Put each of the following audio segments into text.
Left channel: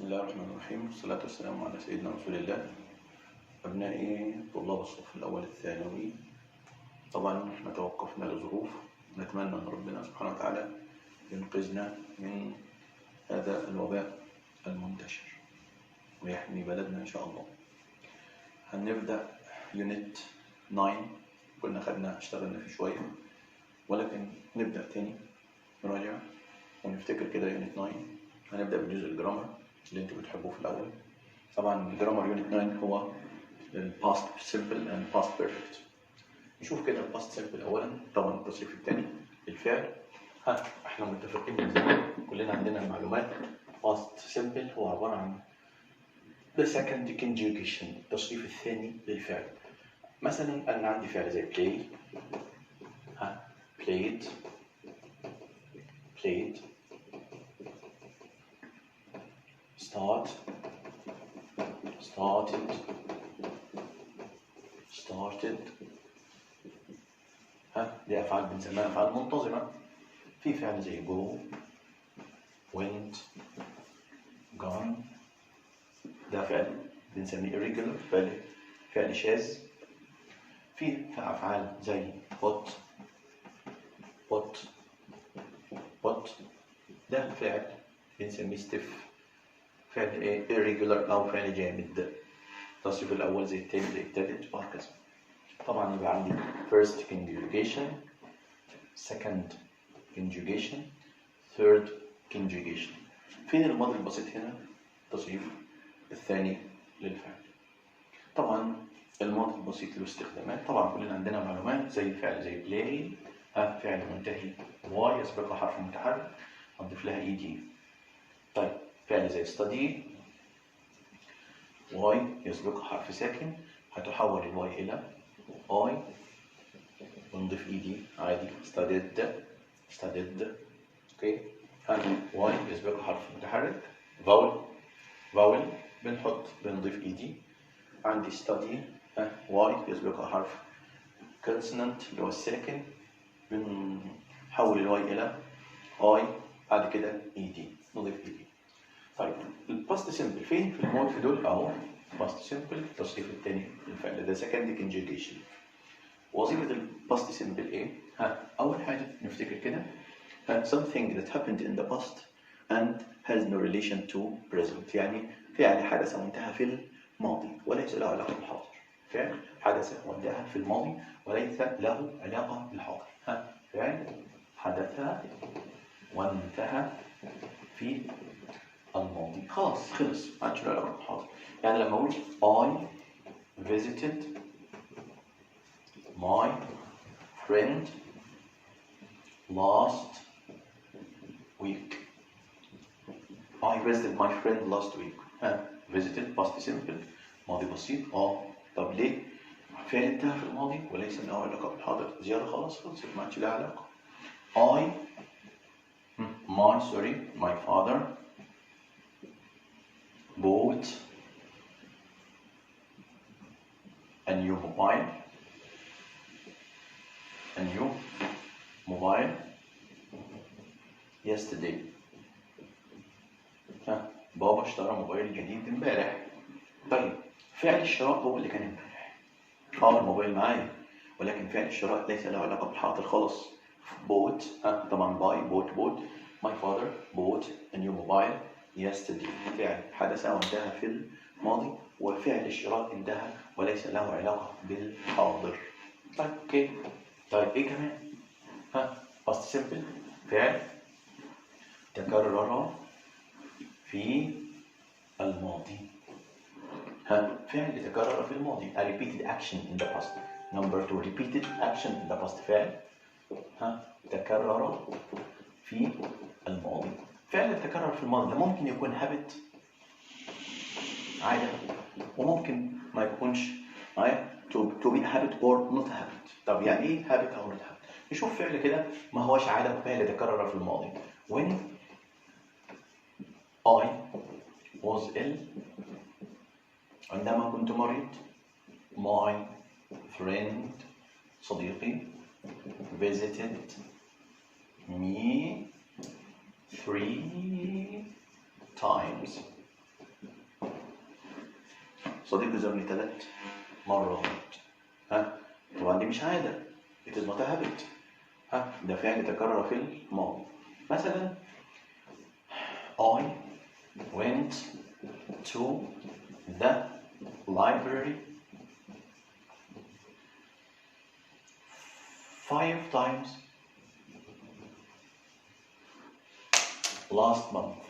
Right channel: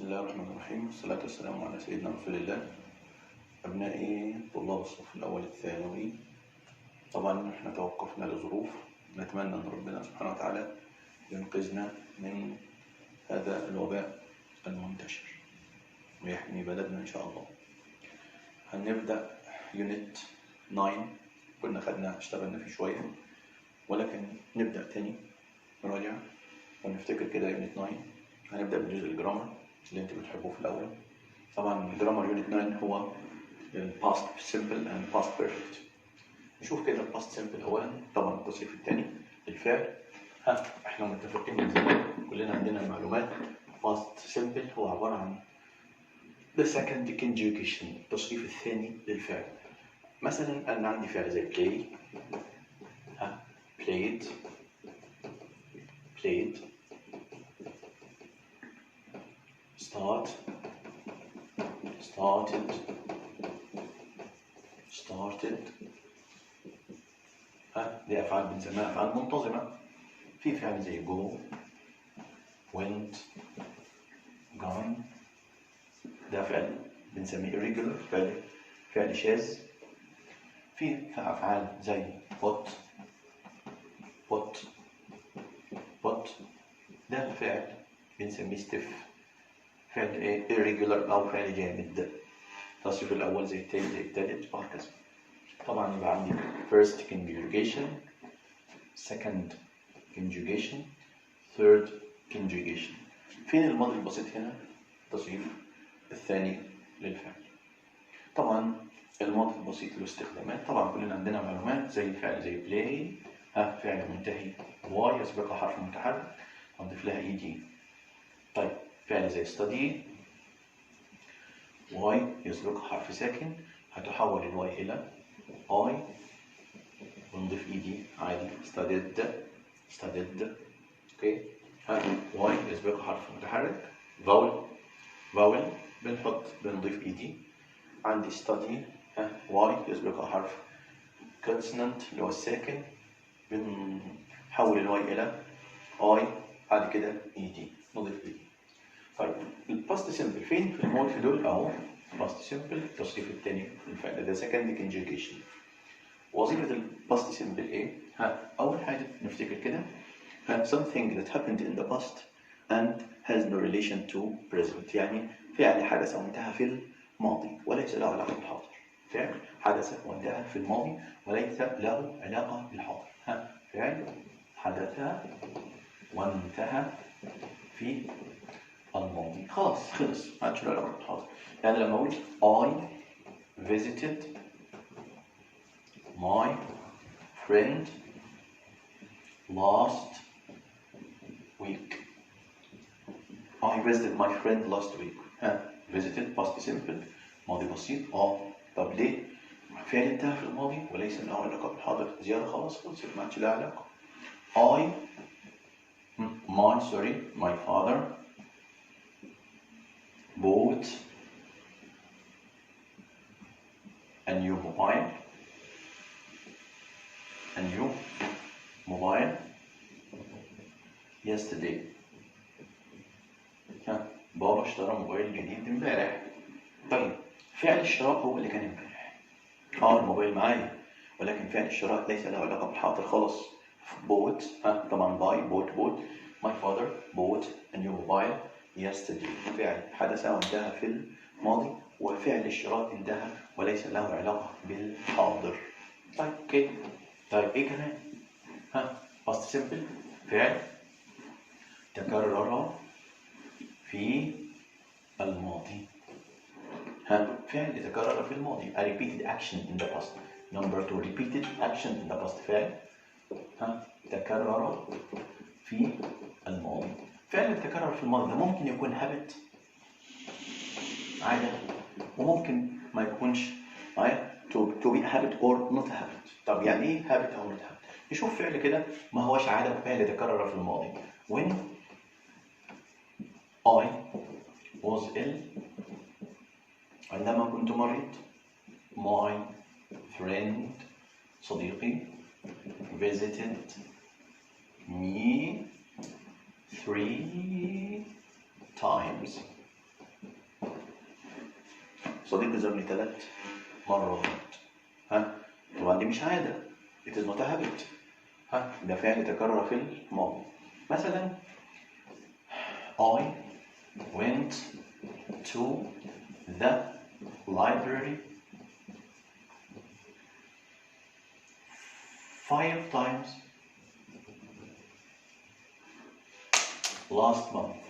بسم الله الرحمن الرحيم، والصلاة والسلام على سيدنا رسول الله. أبنائي طلاب الصف الأول الثانوي، طبعا احنا توقفنا لظروف، نتمنى أن ربنا سبحانه وتعالى ينقذنا من هذا الوباء المنتشر ويحمي بلدنا إن شاء الله. هنبدأ يونت 9، كنا اشتغلنا فيه شوية، ولكن نبدأ تاني نراجع ونفتكر كده. يونت 9 هنبدأ بجزء الجرامر اللي انتوا بتحبوه في الأول. طبعا الجرامر يونت 9 هو الباست سيمبل اند باست بيرفكت. نشوف كده الباست سيمبل أولا، طبعا التصريف الثاني للفعل. احنا متفقين من زمان، كلنا عندنا المعلومات. باست سيمبل هو عبارة عن the second conjugation، التصريف الثاني للفعل. مثلا أنا عندي فعل زي play، played، played، start، started، started. دي أفعال بنسميها أفعال منتظمة. في فعل زي go، went، gone، ده فعل بنسميه irregular، فعل شاذ. في أفعال زي put، put، put، ده فعل بنسميه stiff، فعل irregular أو فعل جامد. التصريف الأول زي الثاني زي الثالث وهكذا. طبعا يبقى عندي first conjugation، second conjugation، third conjugation. فين الماضي البسيط هنا؟ التصريف الثاني للفعل. طبعا الماضي البسيط له استخدامات، طبعا كلنا عندنا معلومات زي فعل زي play، فعل منتهي y يسبقها حرف متحرك هنضيف لها ed. طيب فعل زي study، y يسبقها حرف ساكن هتحول الواي إلى I ونضيف ed عادي. studied، studied، اوكي. y يسبقها حرف متحرك vowel بنضيف ed. عندي study، y يسبقها حرف consonant اللي هو الساكن، بنحول الواي إلى I، بعد كده ed نضيف ed. طيب الباست سيمبل فين في الماضي في دول؟ اهو باست سيمبل التصريف الثاني للفعل ده second conjugation. وظيفة الباست سيمبل ايه؟ أول حاجة نفتكر كده something that happened in the past and has no relation to present، يعني فعل حدث وانتهى في الماضي وليس له علاقة بالحاضر. فعل حدث وانتهى في الماضي وليس له علاقة بالحاضر. فعل حدث وانتهى في الماضي، خلاص خلص ما عادش له علاقة بالحاضر. يعني لما أقول I visited my friend last week. I visited my friend last week. visited past simple ماضي بسيط. طب ليه؟ فعل انتهى في الماضي وليس له علاقة بالحاضر، زيادة خلاص خلصت ما عادش لها علاقة. my father bought a new mobile yesterday. بابا اشترى موبايل جديد امبارح. طيب فعل الشراء هو اللي كان امبارح. الموبايل معايا، ولكن فعل الشراء ليس له علاقة بالحاضر خالص. bought، طبعا bought. my father bought a new mobile yesterday. فعل حدث وانتهى في الماضي، وفعل الشراء انتهى وليس له علاقة بالحاضر. طيب اوكي. طيب ايه كمان؟ past simple فعل تكرر في الماضي. فعل يتكرر في الماضي. a repeated action in the past. number 2 repeated action in the past. فعل تكرر في الماضي. فعل يتكرر في الماضي ده ممكن يكون habit عادة، وممكن ما يكونش to be a habit or not a habit. طب يعني ايه habit او not habit؟ نشوف فعل كده ما هوش عادة، فعل يتكرر في الماضي. when I was ill، عندما كنت مريض. my friend صديقي visited me 3 times. صديقي زارني 3 مرات. ها طبعا دي مش عادة. it is not a habit. ها ده فعل تكرر في الماضي. مثلا I went to the library 5 times last month.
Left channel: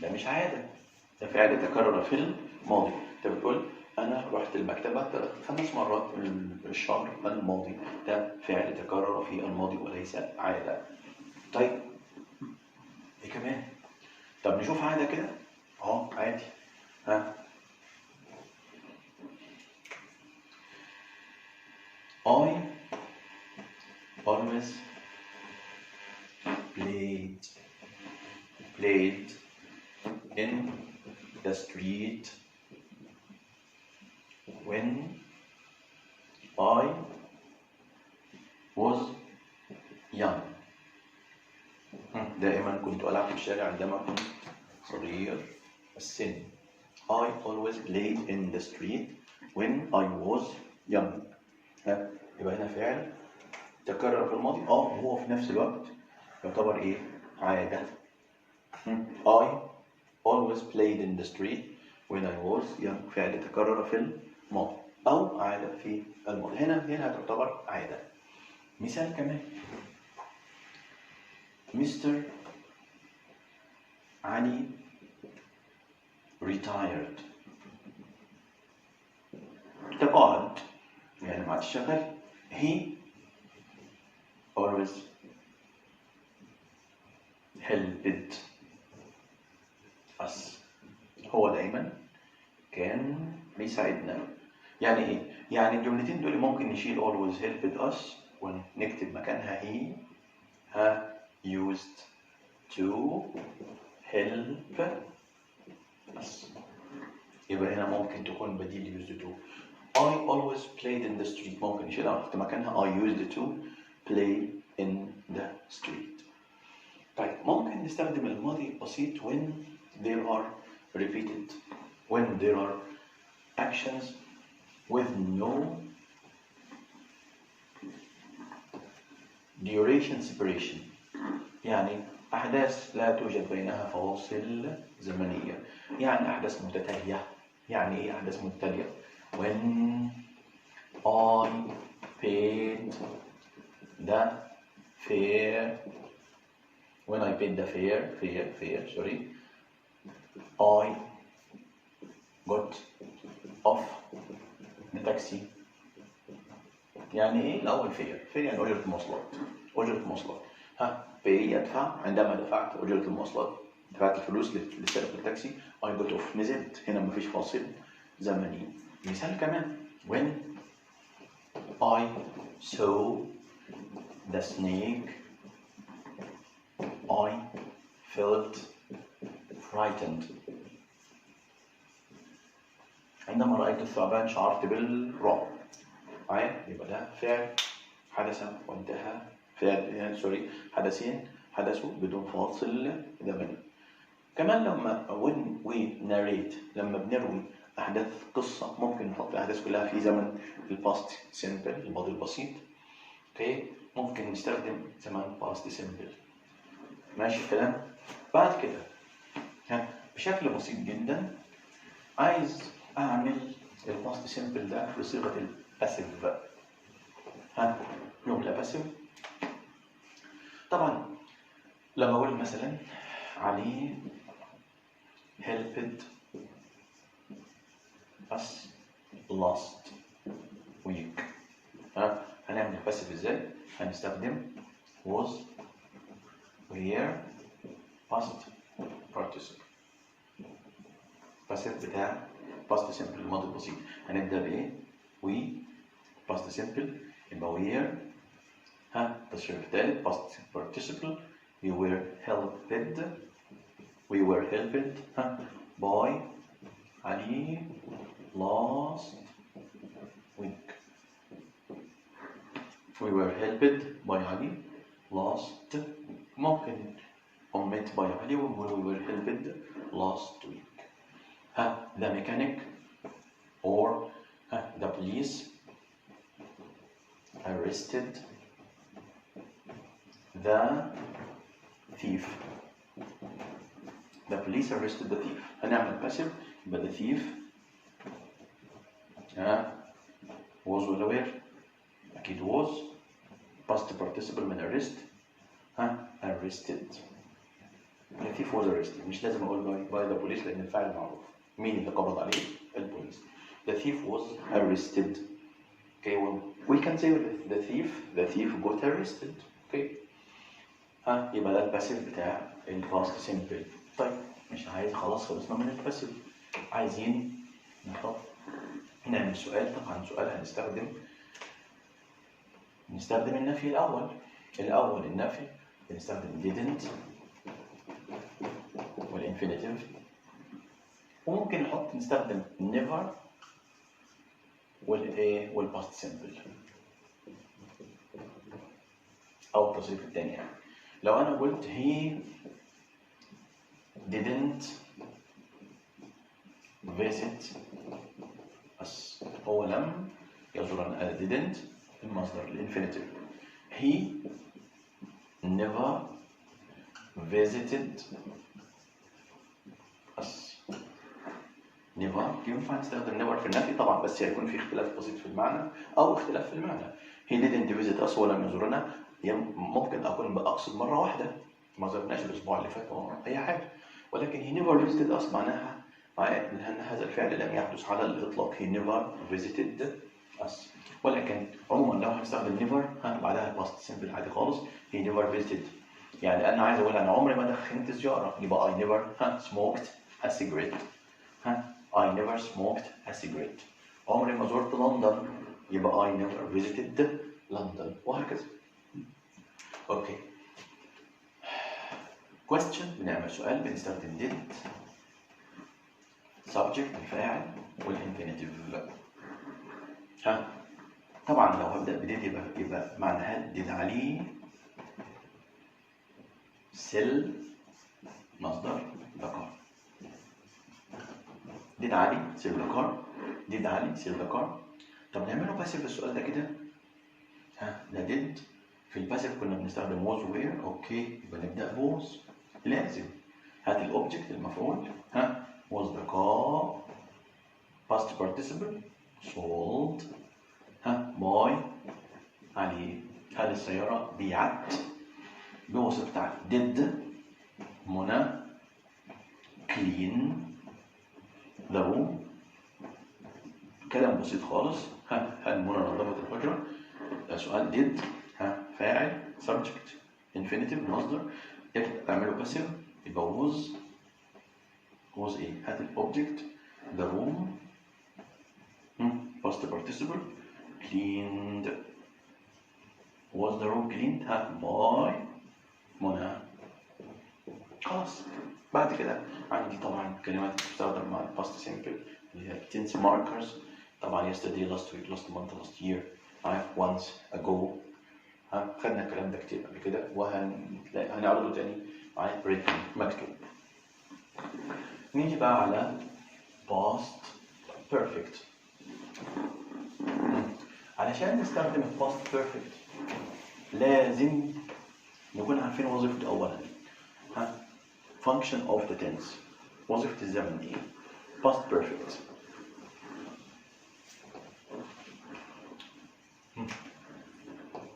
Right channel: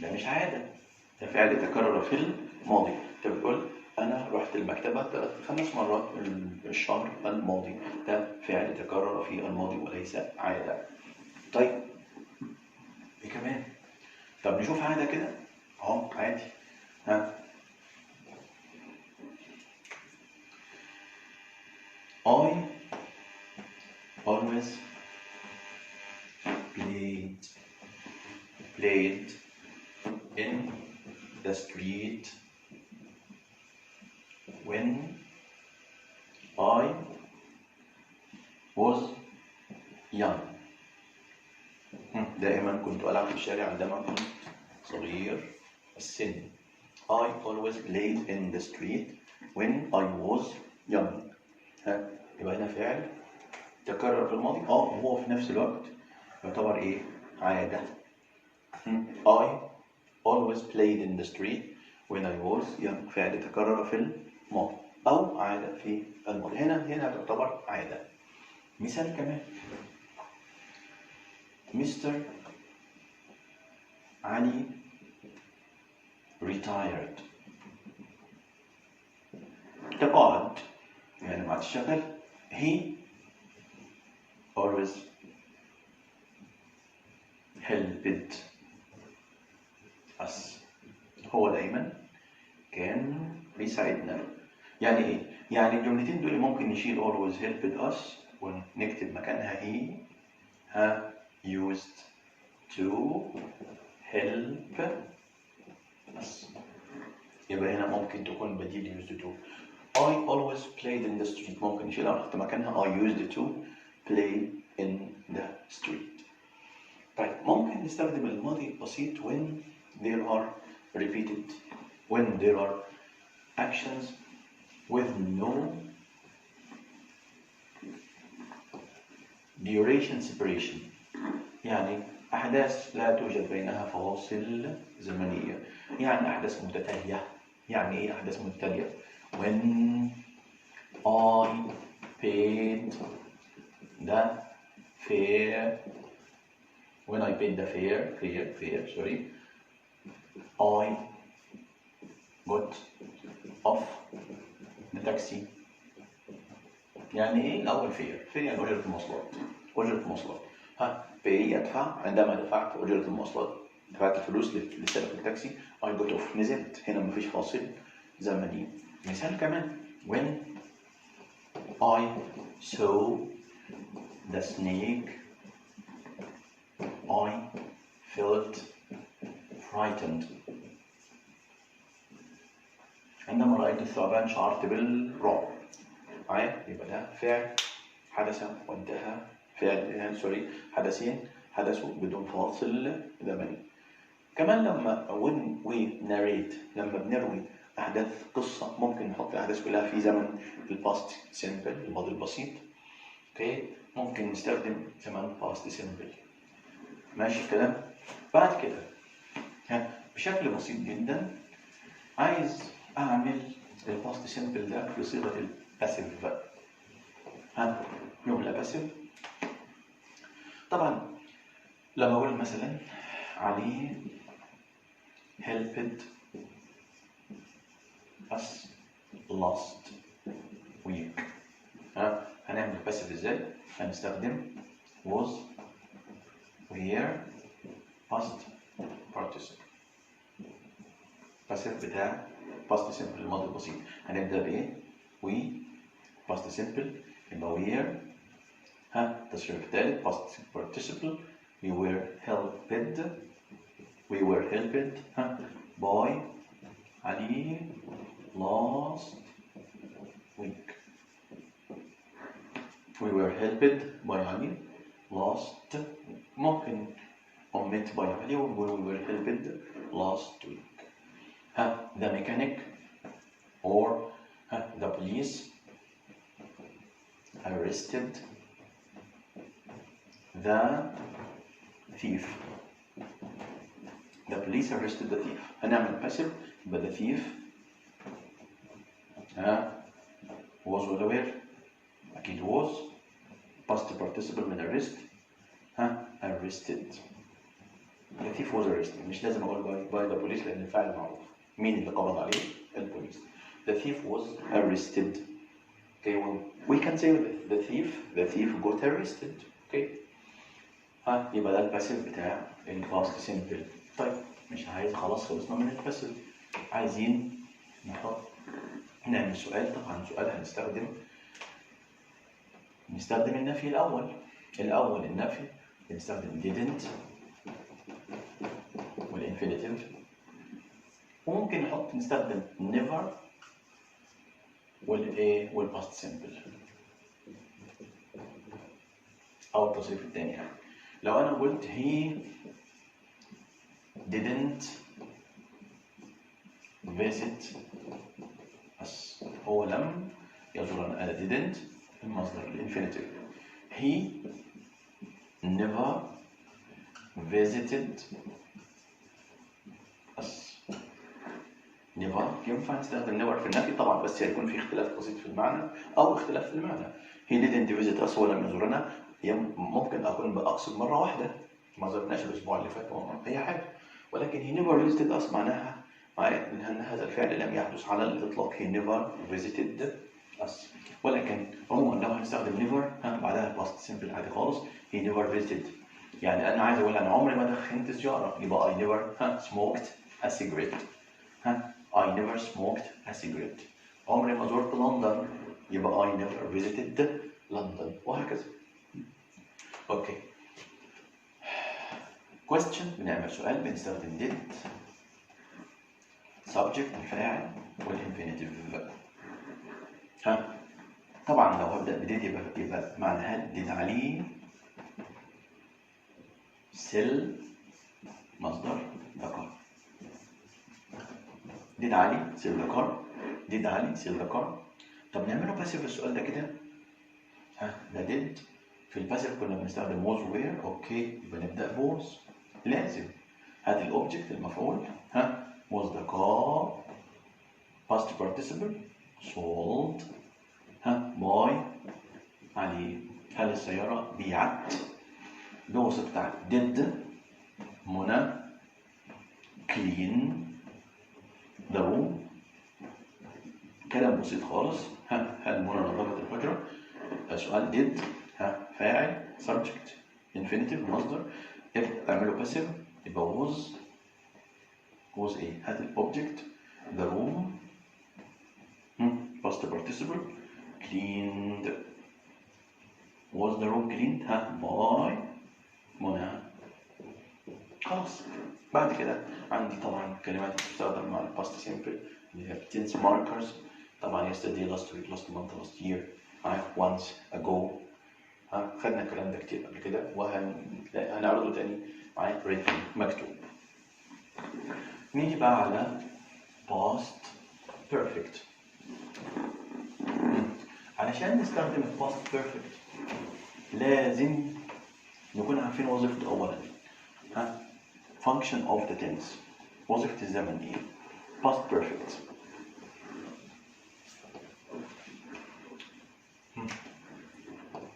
ده مش عادة، ده فعل تكرر في الماضي. انت بتقول انا رحت المكتبة 5 مرات الشهر الماضي، ده فعل تكرر في الماضي وليس عادة. طيب ايه كمان؟ طب نشوف عادة كده. عادي. ها I always played in the street when I was young. دائما كنت ألعب في الشارع عندما كنت صغير السن. I always played in the street when I was young. يبقى هنا فعل تكرر في الماضي وهو في نفس الوقت يعتبر ايه؟ عادة. I always played in the street when I was young. فعل تكرر في الماضي أو عادة في الماضي. هنا تعتبر عادة. مثال كمان. Mr. علي retired. تقاعد يعني ما عادش شغال. He always helped us. هو دايما كان بيساعدنا. يعني ايه؟ يعني الجملتين دول ممكن نشيل always helped us ونكتب مكانها he used to help us. يبقى هنا ممكن تكون بديل used to. I always played in the street ممكن نشيلها ونحط مكانها I used to play in the street. طيب ممكن نستخدم الماضي البسيط when there are repeated, when there are actions with no duration separation. يعني أحداث لا توجد بينها فواصل زمنية. يعني أحداث متتالية. يعني إيه أحداث متتالية؟ When I paid the fare. When I paid the fare, sorry. I got off the taxi. يعني ايه الاول fare يعني اجرة المواصلات. pay يدفع. عندما دفعت اجرة المواصلات دفعت الفلوس لسائق التاكسي I got off نزلت. هنا مفيش فاصل زمني. مثال كمان. when I saw the snake I felt frightened. عندما رأيت الثعبان شعرت بالرعب. يبقى ده فعل حدث وانتهى. حدثين حدثوا بدون فاصل زمني. كمان لما when we narrate لما بنروي أحداث قصة ممكن نحط الأحداث كلها في زمن الباست سيمبل الماضي البسيط. ممكن نستخدم زمن باست سيمبل. ماشي الكلام؟ بعد كده بشكل بسيط جدا عايز أعمل الباست سيمبل ده في صيغة الباسيف. جملة باسيف. طبعا لما أقول مثلا علي helped us last week. هنعمل باسيف ازاي؟ هنستخدم was were past participle. باسيف بتاع past simple الماضي البسيط. هنبدأ بإيه؟ we past simple يبقى were. التصريف الثالث past participle we were helped by علي last week. We were helped by علي last week. ممكن omit by علي we were helped last week. the mechanic or the police arrested the thief. The police arrested the thief. هنعمل passive يبقى the thief was well aware. أكيد was past participle من arrest. arrested. The thief was arrested. مش لازم أقول by the police لأن الفاعل معروف. مين اللي قبض عليه؟ البوليس. The thief was arrested. Okay, well, we can say the thief got arrested. Okay. يبقى ده الباسيف بتاع الباست سيمبل. طيب مش عايز، خلاص خلصنا من الباسيف. عايزين نعمل سؤال. طبعا سؤال هنستخدم النفي الأول. النفي بنستخدم didn't والانفينيتيف، وممكن نستخدم never والباست سيمبل أو التصريف الثاني. يعني لو أنا قلت he didn't visit us، هو لم يزورنا. didn't المصدر الانفينيتيف. he never visited us. never ينفع نستخدم never في النفي طبعا، بس هيكون في اختلاف بسيط في المعنى أو اختلاف في المعنى. he didn't visit us، هو لم يزورنا. ممكن أكون بأقصد مرة واحدة، ما زرناش الأسبوع اللي فات أو أي حاجة، ولكن he never visited us معناها أن هذا الفعل لم يحدث على الإطلاق. he never visited us. ولكن عموما لو هنستخدم never بعدها past simple عادي خالص. he never visited، يعني أنا عايز أقول أنا عمري ما دخنت سيجارة، يبقى I never smoked a cigarette. I never smoked a cigarette. عمري ما زرت لندن، يبقى I never visited لندن، وهكذا. اوكي. question بنعمل سؤال بنستخدم did subject الفاعل والانفينيتيف. طبعا لو هبدأ بديد يبقى معناها did علي sell مصدر the car. did علي sell the car. did علي sell the car. طب نعمله باسيف السؤال ده كده. ده did. في الباسيف كنا بنستخدم was where. اوكي يبقى نبدأ was لازم. هات الاوبجكت المفعول. was the car past participle sold by علي. هل السيارة بيعت بواسطة علي. did منى clean the room. كلام بسيط خالص. هل منى نظفت الحجرة؟ سؤال did فاعل subject infinitive مصدر. تعمله باسيف يبقى was ايه؟ هات الاوبجكت the room past participle cleaned. was the room cleaned by منى. خلاص. بعد كده عندي طبعا كلمات بتستخدم مع الباست سيمبل اللي هي tense markers. طبعا yesterday last week last month last year once ago. خدنا الكلام ده كتير قبل كده وهنعرضه تاني معايا written مكتوب. نيجي بقى على past perfect. علشان نستخدم past perfect لازم نكون عارفين وظيفته أولا. function of the tense، وظيفة الزمن ايه؟ past perfect.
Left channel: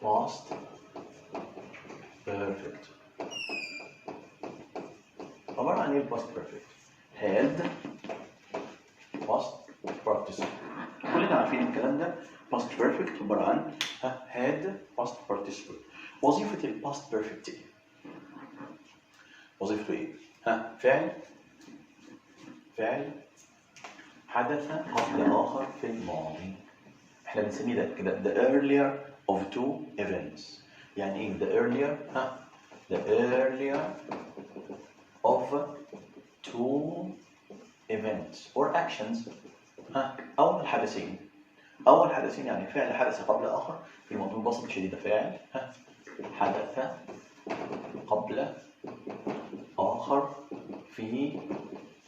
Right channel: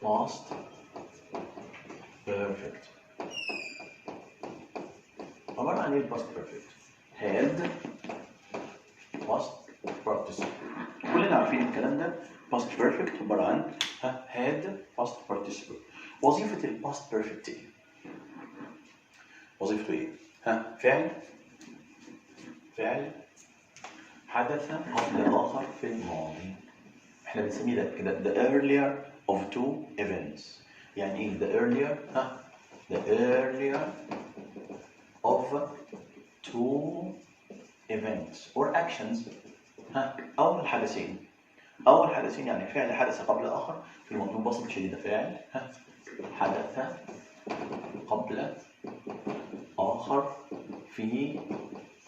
past perfect عبارة عن ايه past perfect؟ had past participle. كلنا عارفين الكلام ده. past perfect عبارة عن had past participle. وظيفة ال past perfect ايه؟ وظيفته ايه؟ فعل حدث قبل آخر في الماضي. احنا بنسميه ده كده the earlier of two events. يعني ايه the earlier؟ the earlier of two events or actions. أول حدثين. أول حدثين يعني فعل حدث قبل آخر في الماضي ببساطة شديدة. فعل حدث قبل آخر في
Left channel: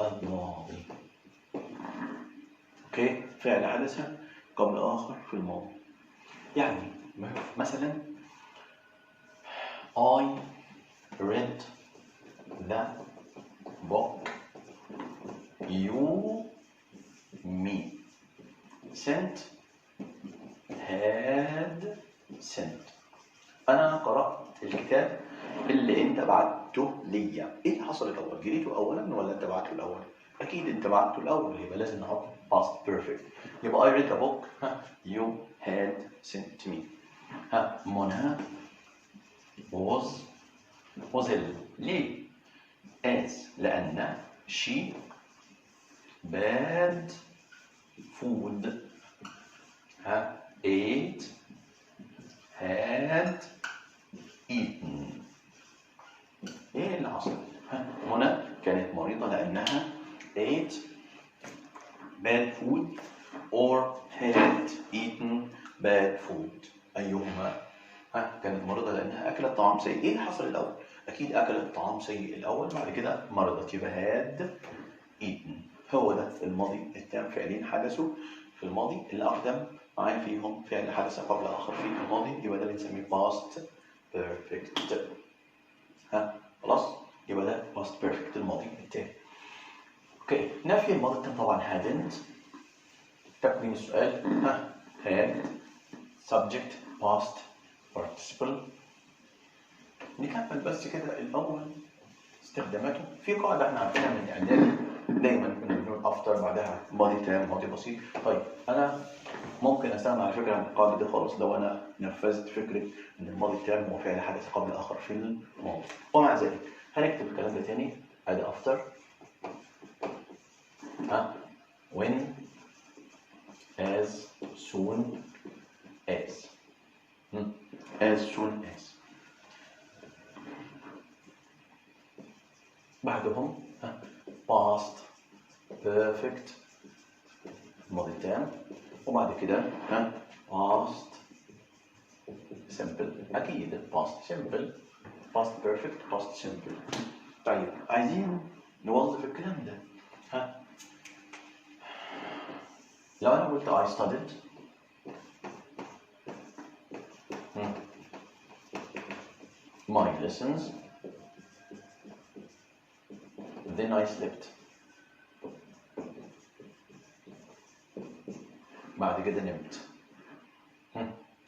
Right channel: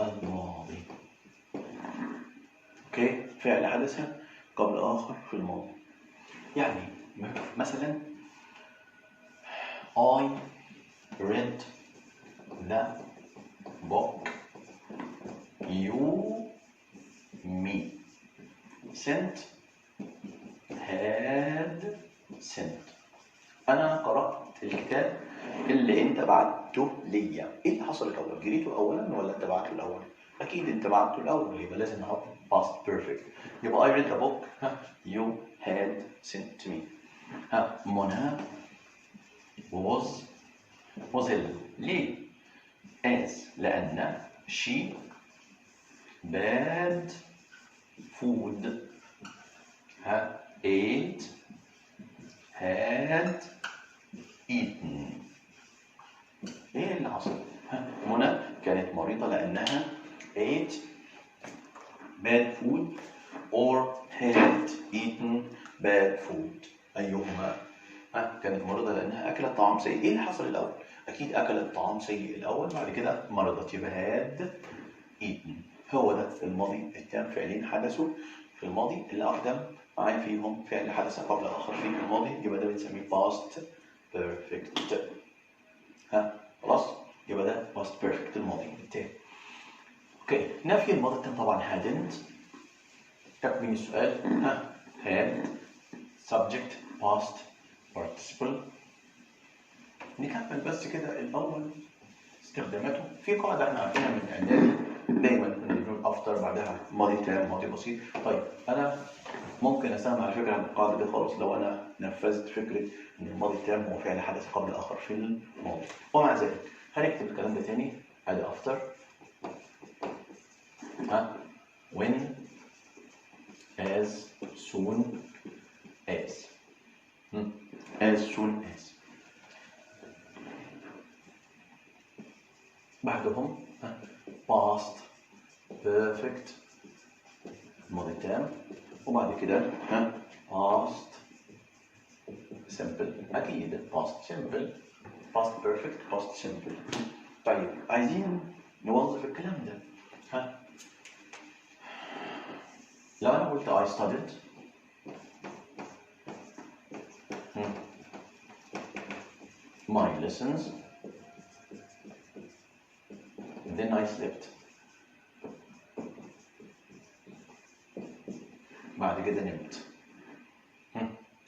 الماضي. اوكي، فعل حدث قبل آخر في الماضي. يعني مثلا I read the book you me sent had sent. أنا قرأت الكتاب اللي أنت بعته ليا. إيه اللي حصل الأول؟ جريته أولا ولا أنت بعته الأول؟ أكيد أنت بعته الأول، يبقى لازم نحط past perfect. يبقى I read the book you had sent me. منى was ليه؟ as لأن she bad food ate had eaten. ايه اللي حصل؟ منى كانت مريضة لأنها ate bad food or had eaten bad food. أيهما؟ كانت مريضة لأنها أكلت طعام سيء. إيه اللي حصل الأول؟ أكيد أكلت طعام سيء الأول، بعد كده مرضت، يبقى had eaten. هو ده الماضي التام، فعلين حدثوا في الماضي اللي أقدم معايا فيهم فعل حدث قبل آخر في الماضي، يبقى ده بنسميه past perfect. خلاص؟ يبقى ده past perfect الماضي التام. اوكي، نفي الماضي التام طبعا hadn't. تكميل السؤال had subject past participle. نكمل بس كده الأول استخداماته. في قاعدة احنا عارفينها من الإعدادي، دايما كنا بنقول after بعدها ماضي تام ماضي بسيط. طيب أنا ممكن أستغنى على فكرة عن القاعدة دي خالص لو أنا نفذت فكرة إن الماضي التام هو فعل حدث قبل آخر في الماضي. ومع ذلك هنكتب الكلام ده تاني. أدي after when as soon as as soon as. بعدهم past perfect الماضي التام، وبعد كده past simple. أكيد past simple past perfect past simple. طيب عايزين نوظف الكلام ده. لو أنا قلت I studied my lessons then I slept. بعد كده نمت.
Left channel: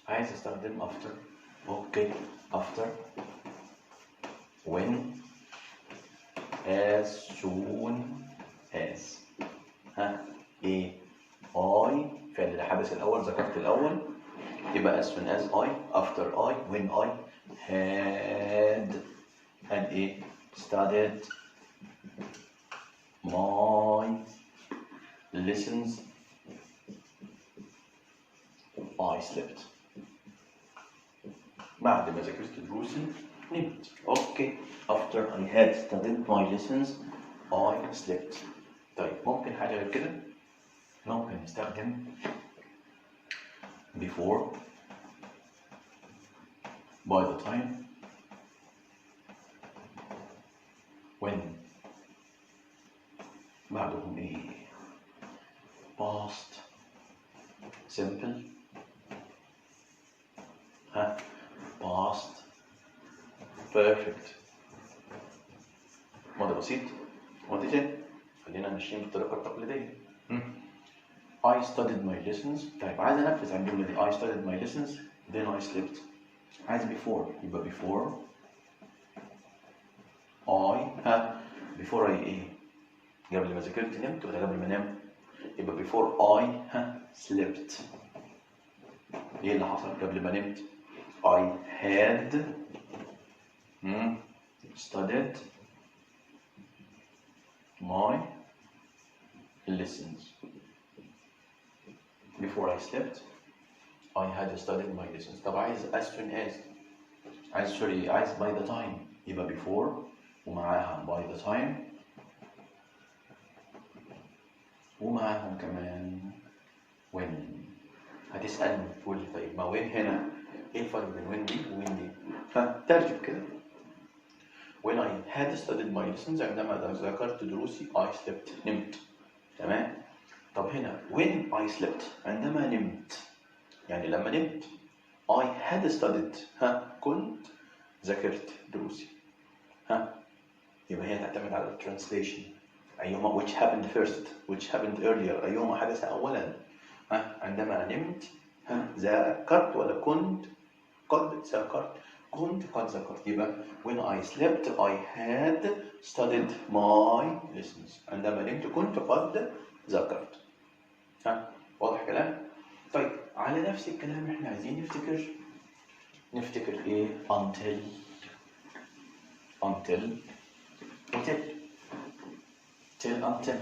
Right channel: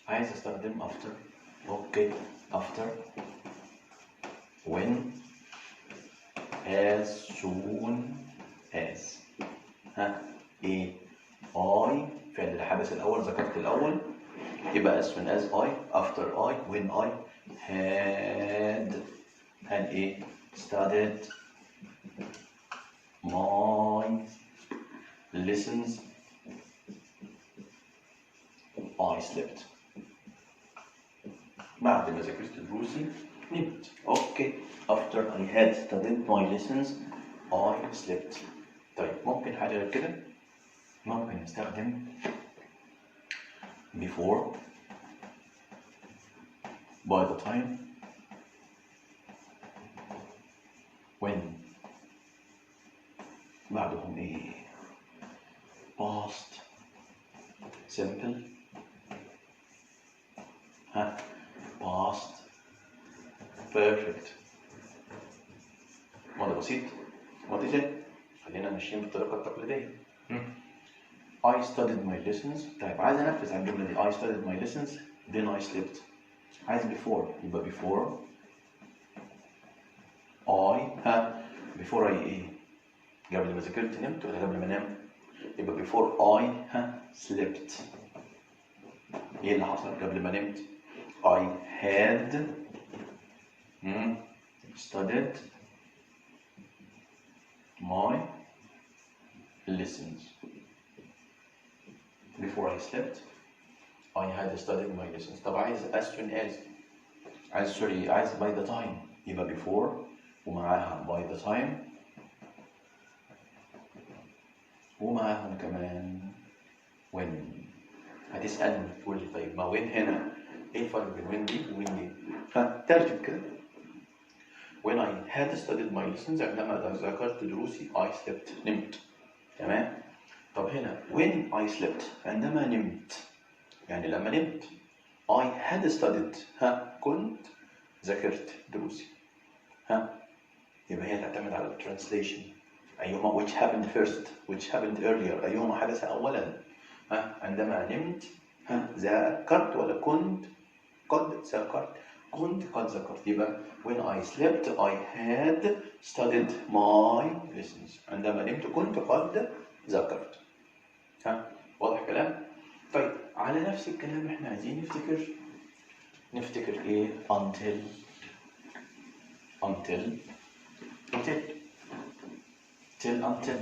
عايز استخدم after. اوكي after when as soon as. ايه I فعل الحدث الأول ذكرت الأول، يبقى as soon as I after I when I had ايه studied my lessons I slept. بعد ما ذاكرت دروسي نمت. اوكي after I had studied my lessons I slept. طيب ممكن حاجة غير كده؟ ممكن نستخدم before by the time when. بعدهم ايه؟ past simple past perfect. ماضي بسيط ماضي تاني. خلينا ماشيين بالطريقة التقليدية. I studied my lessons. طيب عايز انفذ على الجملة دي. I studied my lessons then I slept. عايز before يبقى before I before I ايه؟ قبل ما ذاكرت نمت ولا قبل ما انام؟ يبقى before I slept. ايه اللي حصل قبل ما نمت؟ I had studied my lessons. Before I slept I had studied my lessons. طب عايز as soon as عايز by the time يبقى before ومعاها by the time ومعاها كمان when. هتسألني تقول لي طيب ما when هنا ايه الفرق بين when دي وwhen دي؟ فترتب كده. When I had studied my lessons عندما ذاكرت دروسي I slept نمت. تمام؟ طب هنا when I slept عندما نمت، يعني لما نمت I had studied كنت ذاكرت دروسي. يبقى هي تعتمد على الترانسليشن، أيهما which happened first which happened earlier، أيهما حدث أولا. عندما نمت ذاكرت ولا كنت قد ذاكرت؟ كنت قد ذاكرت. يبقى when I slept I had studied my lessons. عندما نمت كنت قد ذاكرت. واضح كلام؟ طيب على نفس الكلام احنا عايزين نفتكر ايه؟ until till until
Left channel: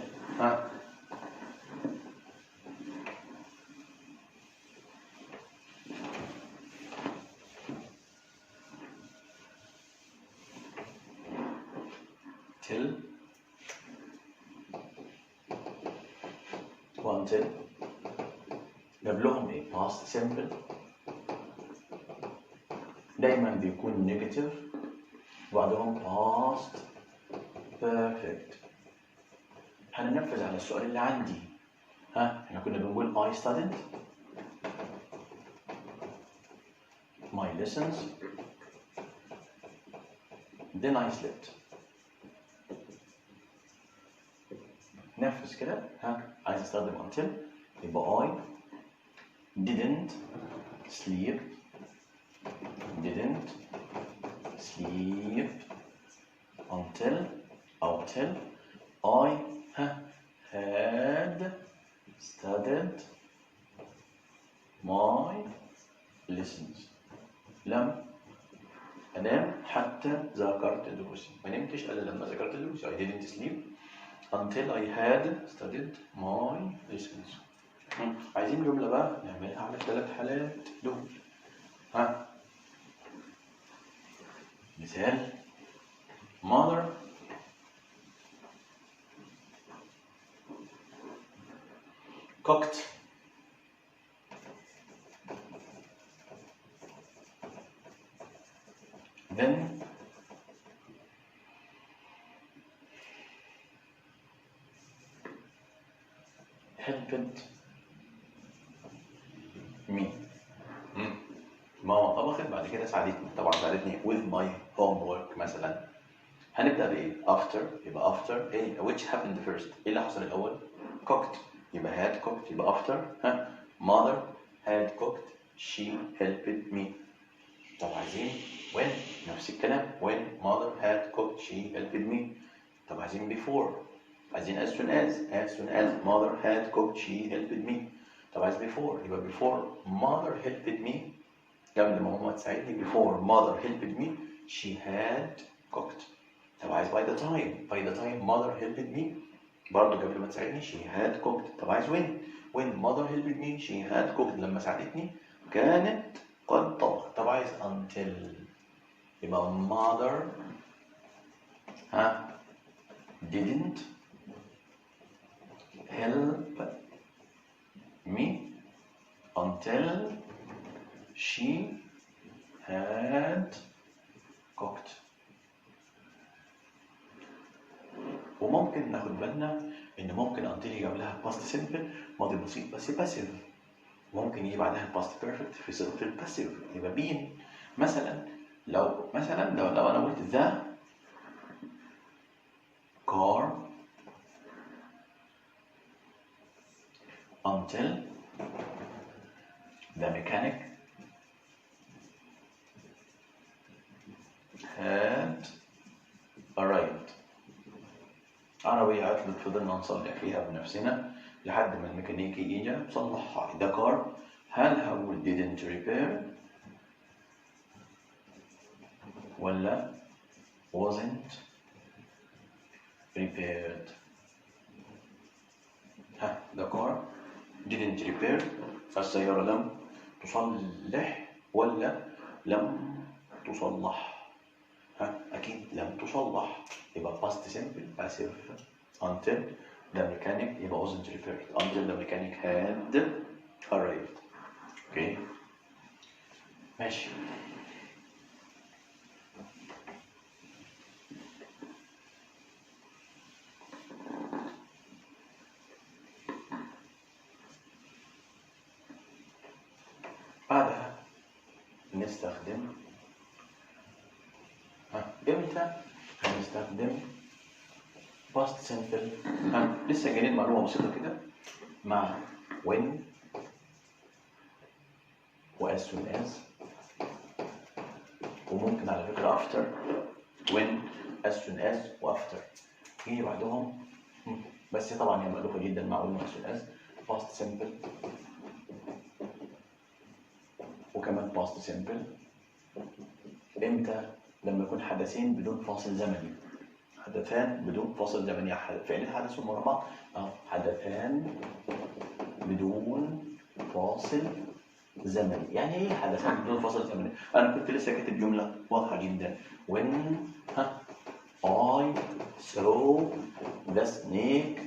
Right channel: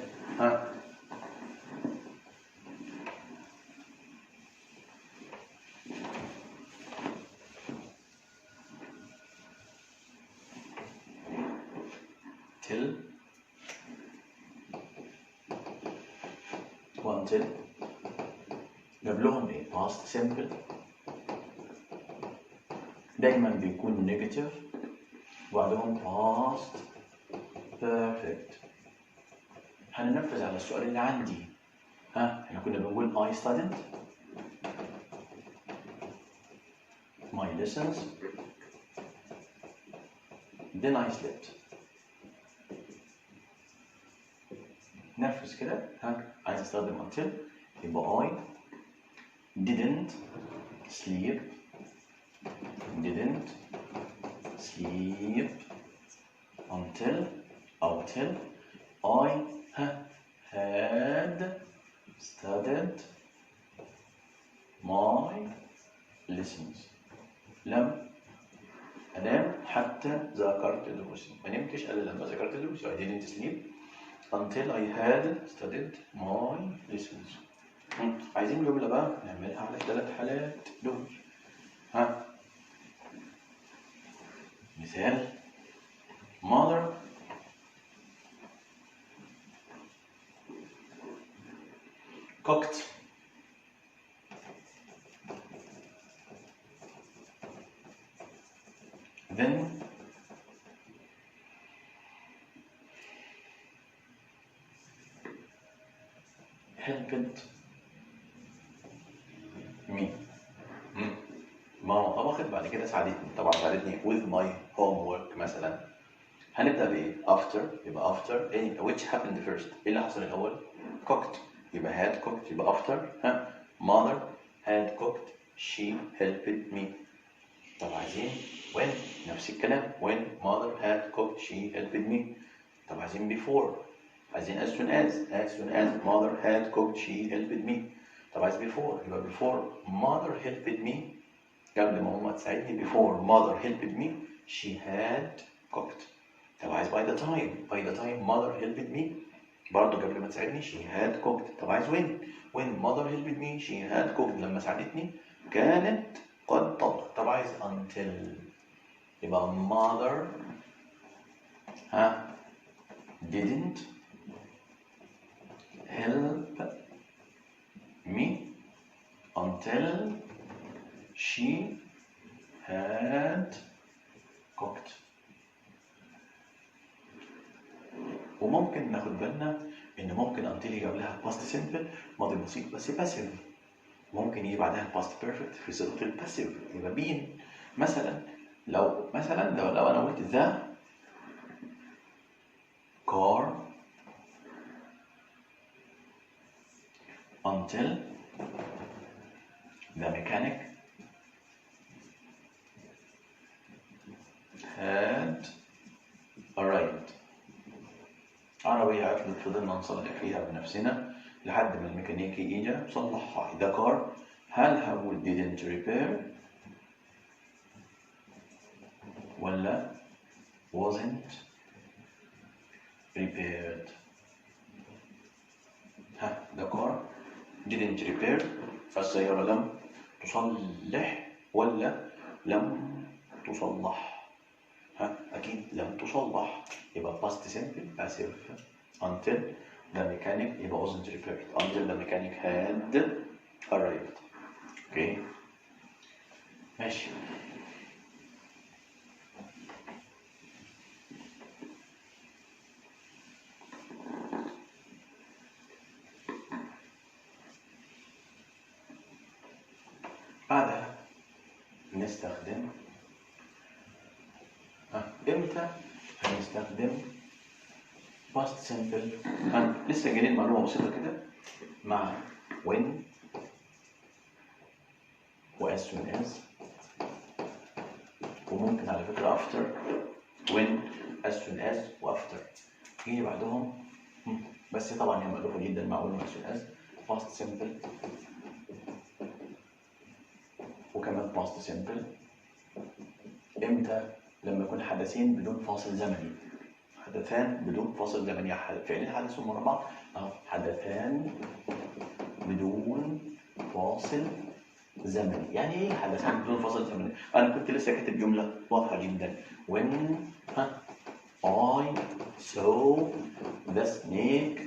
قبلهم ايه؟ past simple دايما بيكون negative وبعدهم past perfect. هننفذ على السؤال اللي عندي. احنا كنا بنقول I studied my lessons then I slept. نفذ كده. عايز استخدم until يبقى I didn't sleep until I had studied my lessons. لم أنام حتى ذاكرت دروسي. ما نمتش إلا لما ذاكرت دروسي. I didn't sleep until I had studied my lessons. عايزين جملة بقى نعملها على الثلاث حالات دول. مثال mother cooked then helped me. ماما طبخت بعد كده ساعدتني. طبعا ساعدتني with my homework مثلا. هنبدأ بإيه؟ after. يبقى after إيه؟ which happened first. إيه اللي حصل الأول؟ cooked. يبقى had cooked. يبقى after. mother had cooked she helped me. طب عايزين when. نفس الكلام when mother had cooked she helped me. طب عايزين before. عايزين as soon as mother had cooked she helped me. طب عايز before. يبقى before mother helped me. قبل ما ماما تساعدني before mother helped me she had cooked. طب عايز by the time mother helped me برضه قبل ما تساعدني she had cooked. طب عايز when mother helped me she had cooked لما ساعدتني كانت قد طبخت. طب عايز until يبقى mother didn't help me until she had cooked. وممكن ناخد بالنا ان ممكن until يجي قبلها past simple ماضي بسيط بس passive. ممكن يجي بعدها past perfect في صيغه الباسيف يبقى been. لو انا قلت the car until the mechanic had arrived. عربية عطلت فضلنا نصلح فيها بنفسنا لحد ما الميكانيكي اجى صلحها. the car هل didn't repair ولا wasn't repaired؟ the car didn't repair السيارة لم تصلح ولا لم تصلح؟ أكيد لم تصلح. يبقى past simple passive until the mechanic يبقى wasn't repaired until the mechanic had arrived. اوكي ماشي. نستخدم امتى هنستخدم past simple. لسه جايين معلومة بسيطة كده مع when و as soon as، وممكن على فكرة after when as soon as و after يجي بعدهم. بس طبعا هي مألوفة جدا مع when و as soon as past simple وكمان past simple. امتى؟ لما يكون حدثين بدون فاصل زمني. حدثان بدون فاصل زمني، فعلين حدثوا ورا بعض. حدثان بدون فاصل زمني. يعني ايه حدثان بدون فاصل زمني؟ انا كنت لسه كاتب جمله واضحه جدا. when I saw the snake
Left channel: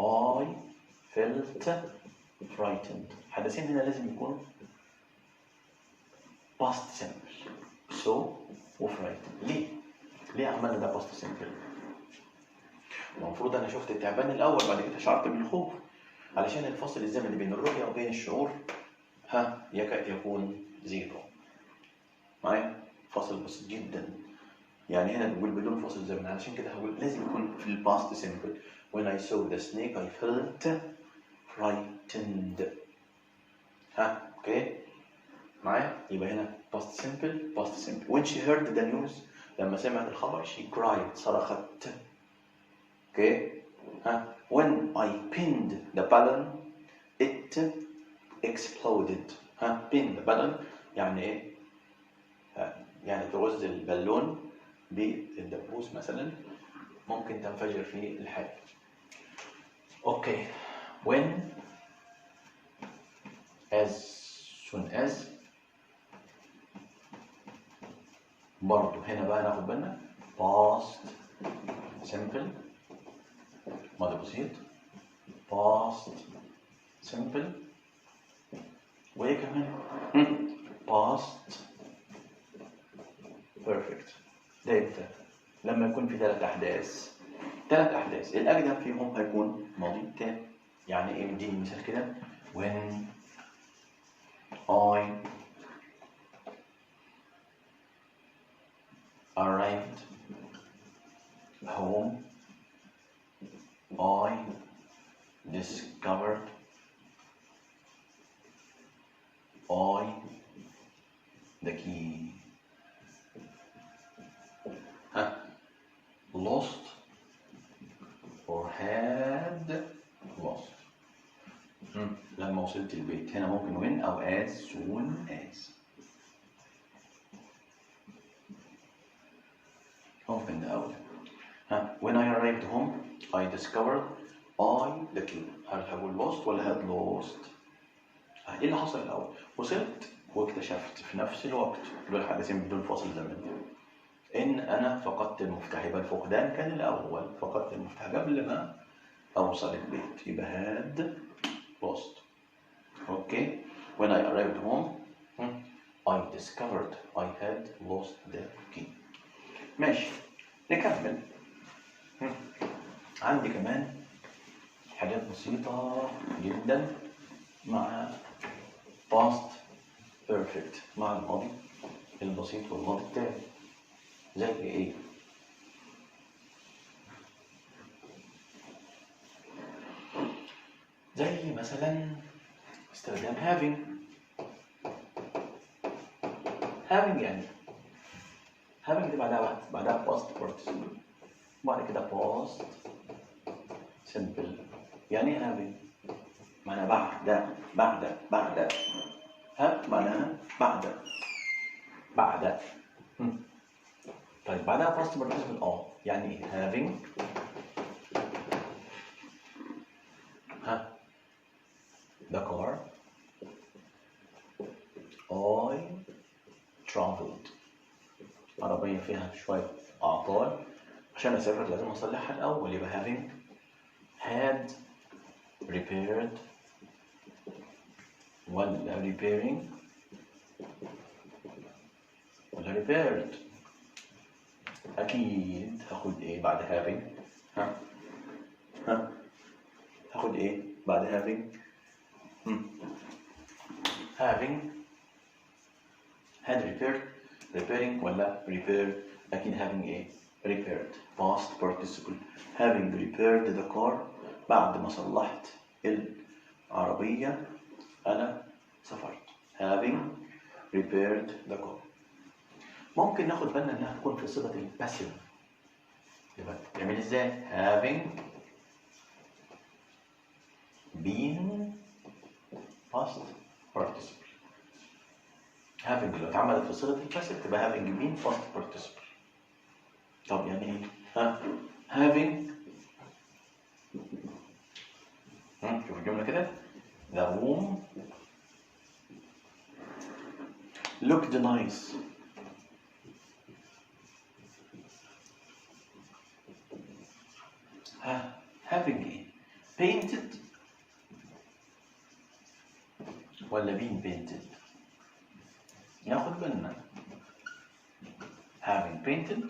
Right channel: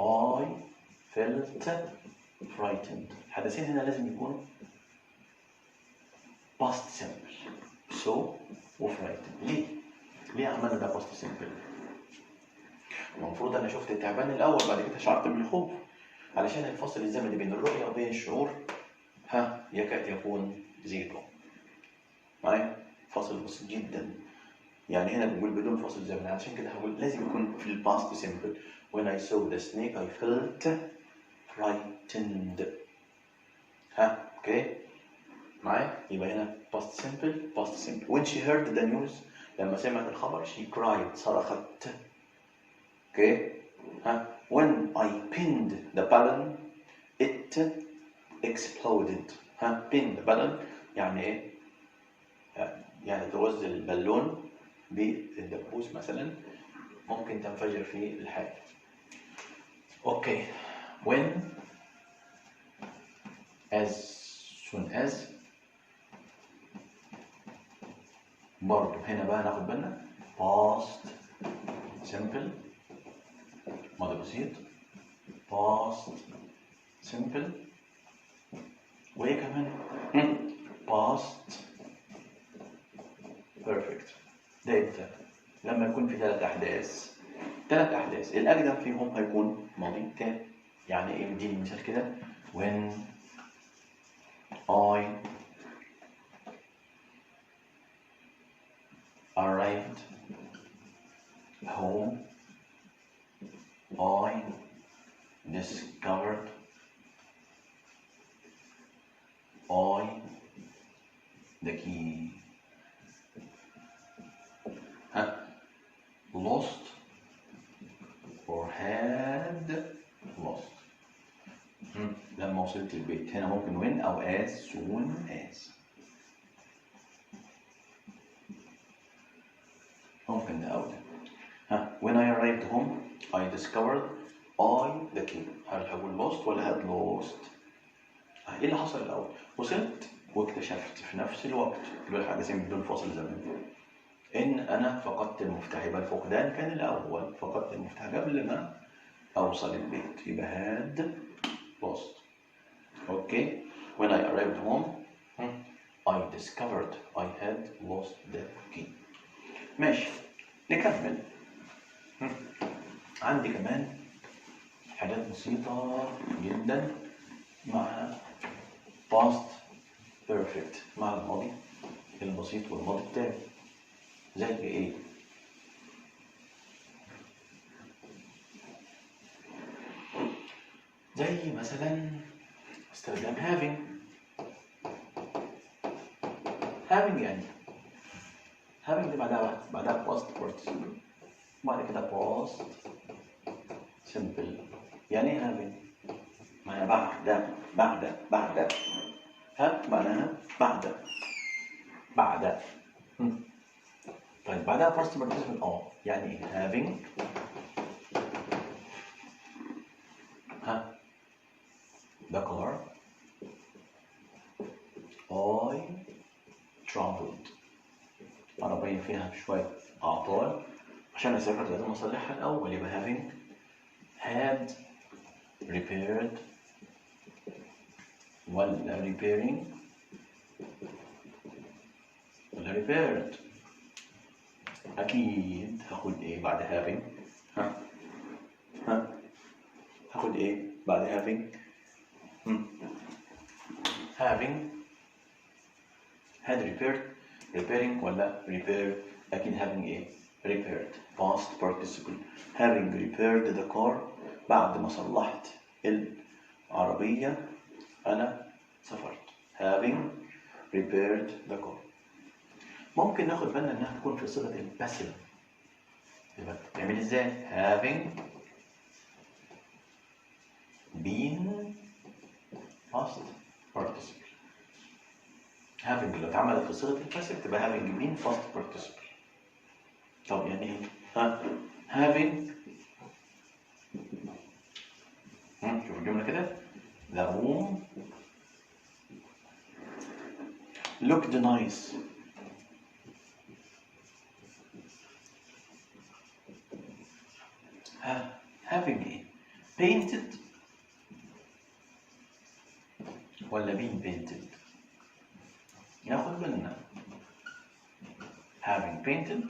I felt frightened. حدثين هنا لازم يكونوا past simple. so و frightened. ليه عملنا ده past simple؟ المفروض انا شفت التعبان الاول بعد كده شعرت بالخوف، علشان الفصل الزمني بين الرؤيه وبين الشعور يكاد يكون زيرو. معايا؟ فصل بسيط جدا. يعني هنا بنقول بدون فاصل زمني، علشان كده هقول لازم يكون في الباست سيمبل. when I saw the snake I felt frightened. اوكي معايا؟ يبقى هنا past simple. when she heard the news، لما سمعت الخبر she cried، صرخت. اوكي when I pinned the balloon it exploded. pin the balloon يعني ايه؟ يعني تغز البالون بالدبوس مثلا، ممكن تنفجر فيه الحاجة. اوكي when as soon as برضو هنا بقى ناخد بالنا past simple ماضي بسيط past simple وايه كمان past perfect. ده امتى؟ لما يكون في ثلاث احداث الاقدم فيهم هيكون ماضي تام. يعني ايه؟ نديني مثال كده. when I arrived home I discovered the key. lost or had lost. لما وصلت البيت هنا ممكن when أو as soon as. ممكن ده أول. when I arrived home I discovered the key. هل هقول lost ولا had lost؟ ايه اللي حصل الأول؟ وصلت واكتشفت في نفس الوقت، اللي هو الحدثين بدون فاصل زمني، إن أنا فقدت المفتاح. يبقى الفقدان كان الأول، فقدت المفتاح قبل ما أوصل البيت، يبقى had lost. أوكي when I arrived home I discovered I had lost the key. ماشي نكمل. عندي كمان حاجات بسيطة جدا مع past perfect، مع الماضي البسيط والماضي التام. زي ايه؟ زي مثلا استخدام having يعني having دي بعدها past participle، بعد كده past simple. يعني ايه having؟ معناها بعد معناها بعد. طيب بعدها past participle يعني ايه؟ having the car I traveled. عربية فيها شوية أعطال، عشان أسافر لازم أصلحها الأول، يبقى having had repaired ولا repairing ولا repaired. أكيد هاخد إيه بعد having؟ هاخد إيه بعد having؟ having had repaired repairing ولا repair؟ أكيد having إيه؟ repaired past participle. having repaired the car بعد ما صلحت العربية أنا سافرت. having repaired the car. ممكن ناخد بالنا إنها تكون في صيغة الباسيف. يبقى تعمل إزاي؟ having been past participle. having لو اتعملت في صيغة الباسيف تبقى having been past participle. طب يعني ايه؟ having شوف الجملة كده. the room looked nice. having ايه؟ painted ولا been painted؟ ناخد بالنا having painted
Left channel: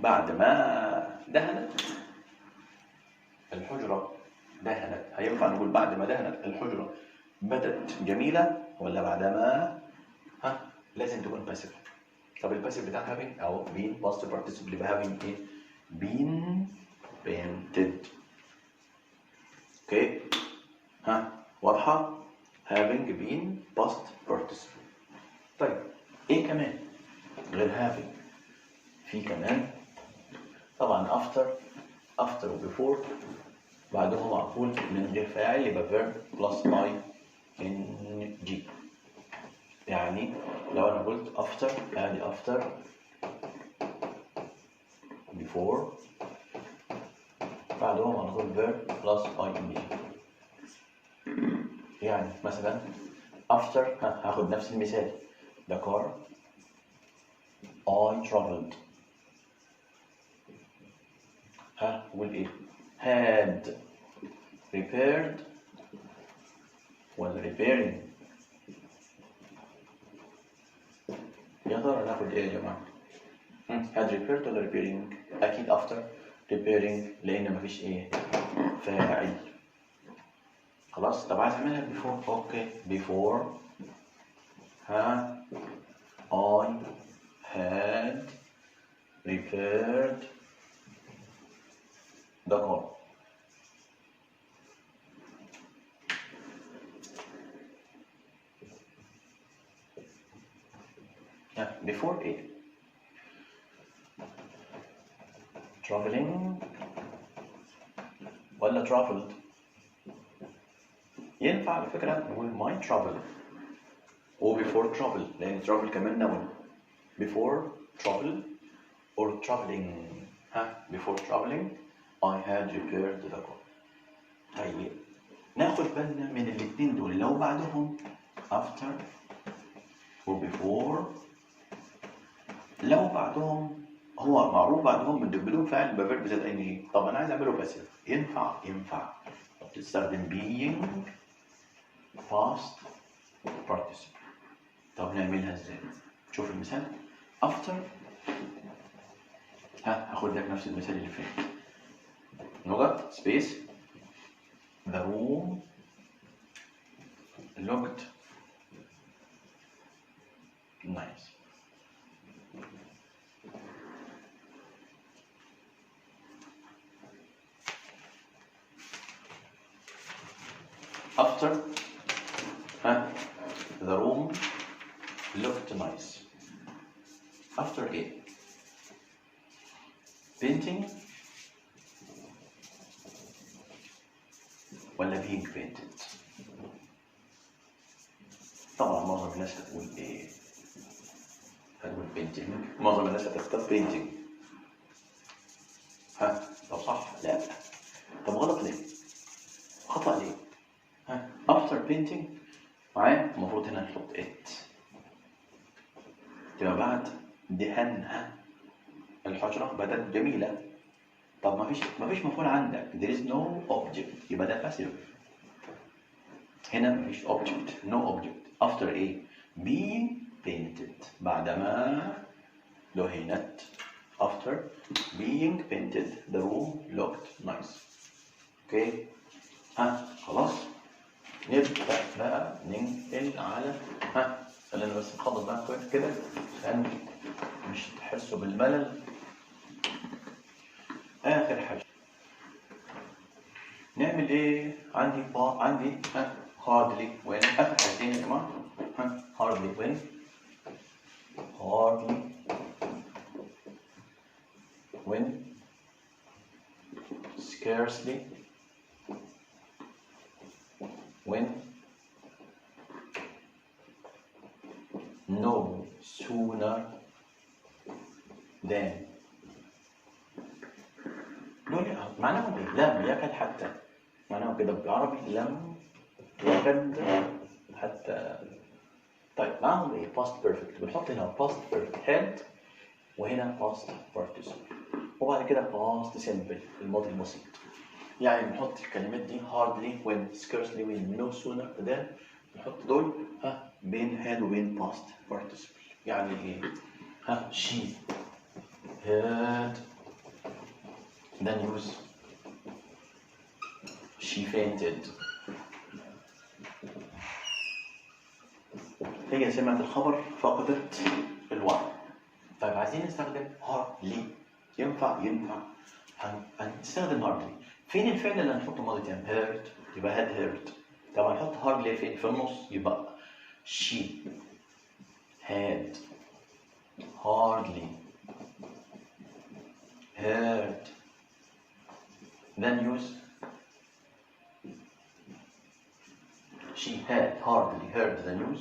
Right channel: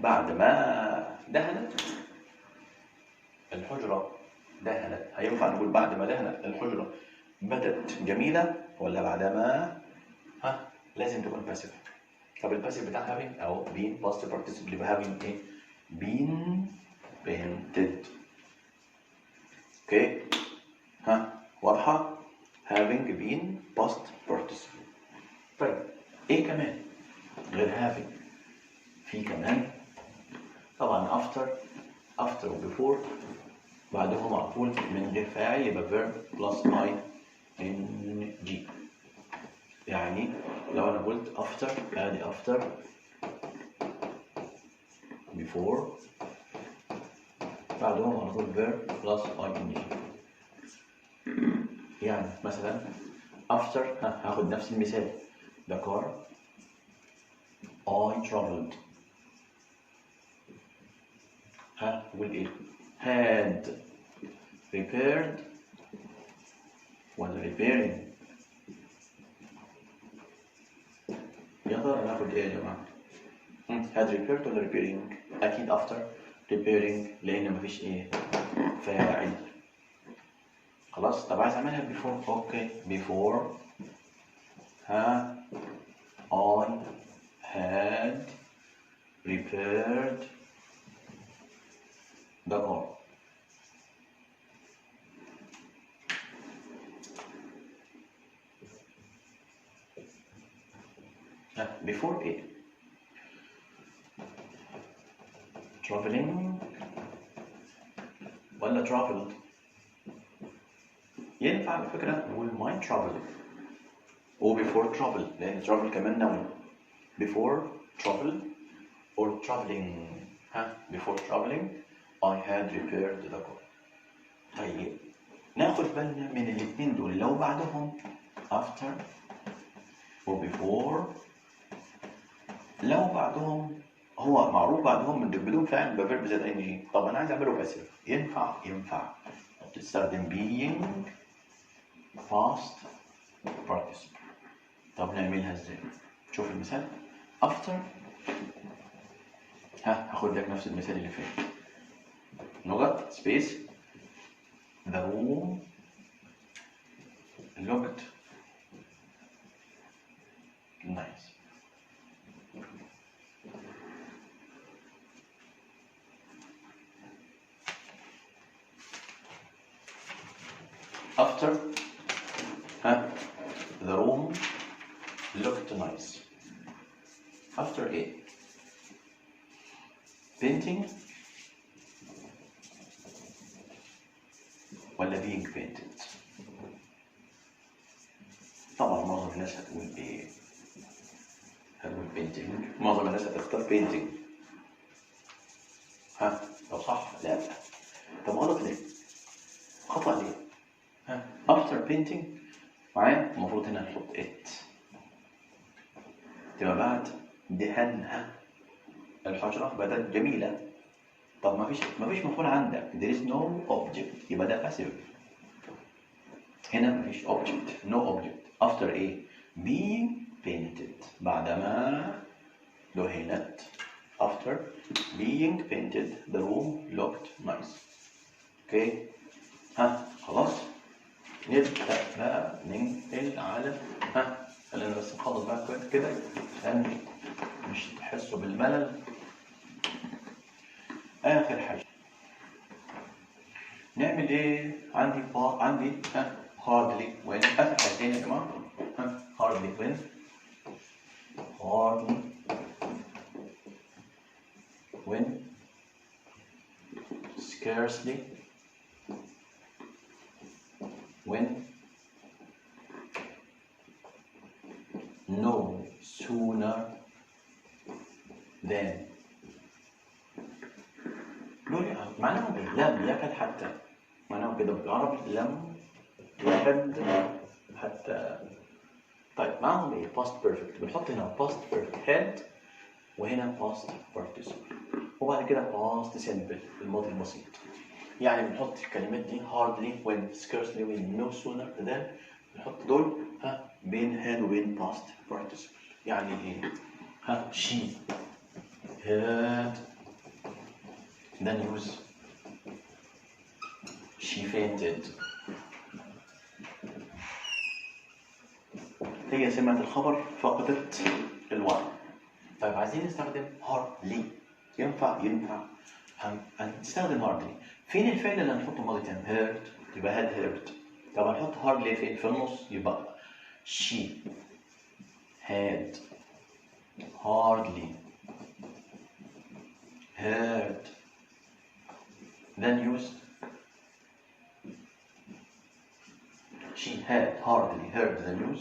بعد ما دهنت الحجرة دهنت. هينفع نقول بعد ما دهنت الحجرة بدت جميلة ولا بعد ما لازم تكون باسيف. طب الباسيف بتاع having أو been past participle يبقى having إيه؟ been painted. أوكي واضحة؟ having been past participle. طيب إيه كمان غير having؟ في كمان طبعا after و before بعدهم على طول من غير فاعل يبقى verb plus ing. يعني لو أنا قلت after أدي after before بعدهم على طول verb plus ing. يعني مثلا after هاخد نفس المثال the car I traveled والإيه؟ had repaired ولا repairing؟ يا ترى ناخد إيه يا جماعة؟ had repaired ولا repairing؟ أكيد after repairing لأن مفيش إيه؟ فاعل. خلاص. طب عايز أعملها before. أوكي before I had repaired the car. before ايه؟ traveling ولا traveled؟ ينفع على فكرة نقول my travel و before travel لأن travel كمان noun. before travel or traveling. before traveling I had repaired the car. طيب ناخد بالنا من الاثنين دول لو بعدهم after و before. لو بعدهم هو معروف بعدهم من بدون فعل بفيرب زائد ing. طب انا عايز اعمله باسيف. ينفع تستخدم being past participle. طب نعملها ازاي؟ شوف المثال after هاخد لك نفس المثال اللي فات. نقط space the room looked nice. after the room looked nice. after ايه؟ painting ولا being painted؟ طبعا معظم الناس هتقول ايه؟ هتقول painting. معظم الناس هتختار painting. طب صح؟ لا. طب غلط ليه؟ خطأ ليه؟ after painting معايا المفروض هنا نحط it. تبقى بعد دهنها الحجرة بدت جميلة. طب مفيش مفعول عندك. there is no object يبقى ده passive. هنا مفيش object. no object. after ايه؟ being painted بعدما دهنت. after being painted the room looked nice. اوكي خلاص. نبدأ بقى ننقل على خلينا بس نخلص بقى كده عشان مش تحسوا بالملل. آخر حاجة نعمل إيه؟ عندي hardly when. آخر حاجتين يا جماعة. hardly when scarcely when no sooner than. دول معناهم ايه؟ لم يكد حتى. معناهم كده بالعربي لم يكد حتى. طيب معاهم ايه؟ past perfect. بنحط هنا past perfect had وهنا past participle وبعد كده past simple الماضي البسيط. يعني بنحط الكلمات دي hardly when scarcely when no sooner than بنحط دول بين had وبين past participle. يعني ايه؟ she had the news. She fainted. هي سمعت الخبر فقدت الوعي. طيب عايزين نستخدم hardly. ينفع هنستخدم hardly. فين الفعل اللي هنحطه ماضي تام؟ heard يبقى had heard. طب هنحط hardly فين؟ في النص يبقى she had hardly heard the news. She had hardly heard the news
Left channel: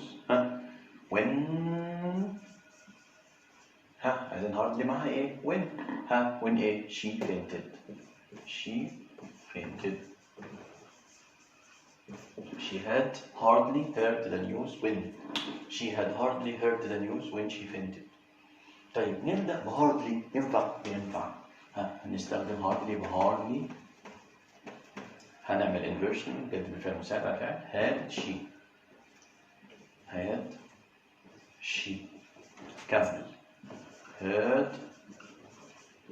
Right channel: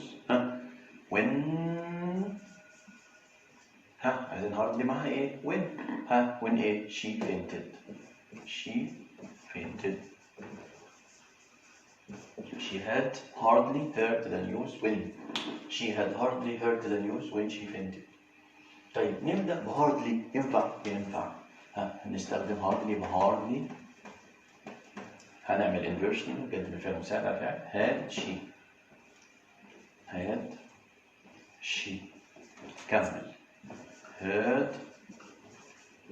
when عايزين hardly معها ايه؟ when ايه؟ she fainted. She had hardly heard the news when she fainted. طيب نبدأ بhardly. ينفع هنستخدم hardly بhardly. هنعمل inversion نقدم الفعل المساعد على فعل had she كمل heard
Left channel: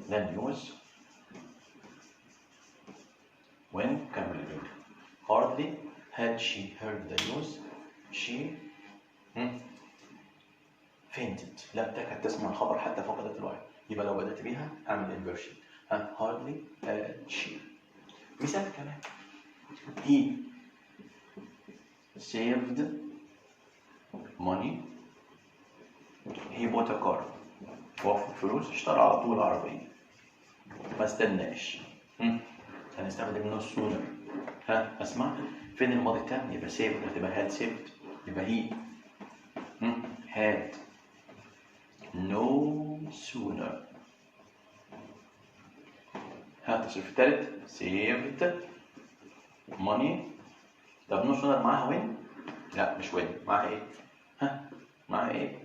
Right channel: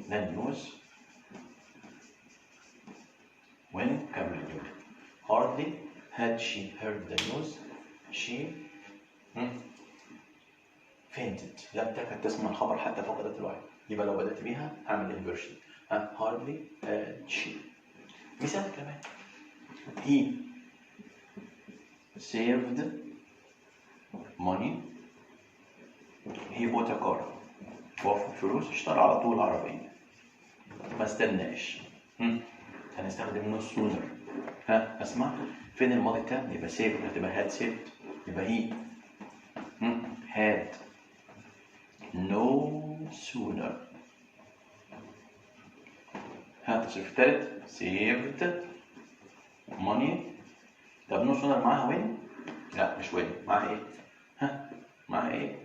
the news when كمل hardly had she heard the news she fainted. لم تكد تسمع الخبر حتى فقدت الوعي. يبقى لو بدأت بيها أعمل inversion hardly had she. مثال كمان he saved money. he bought a car. وفر فلوس اشترى على طول عربية ما استناش. هنستخدم no sooner. اسمع فين الماضي التام؟ يبقى saved هتبقى had saved. يبقى he had no sooner. التصريف الثالث saved money. طب no sooner معاها when؟ لا مش when. معاها ايه؟ معاها ايه؟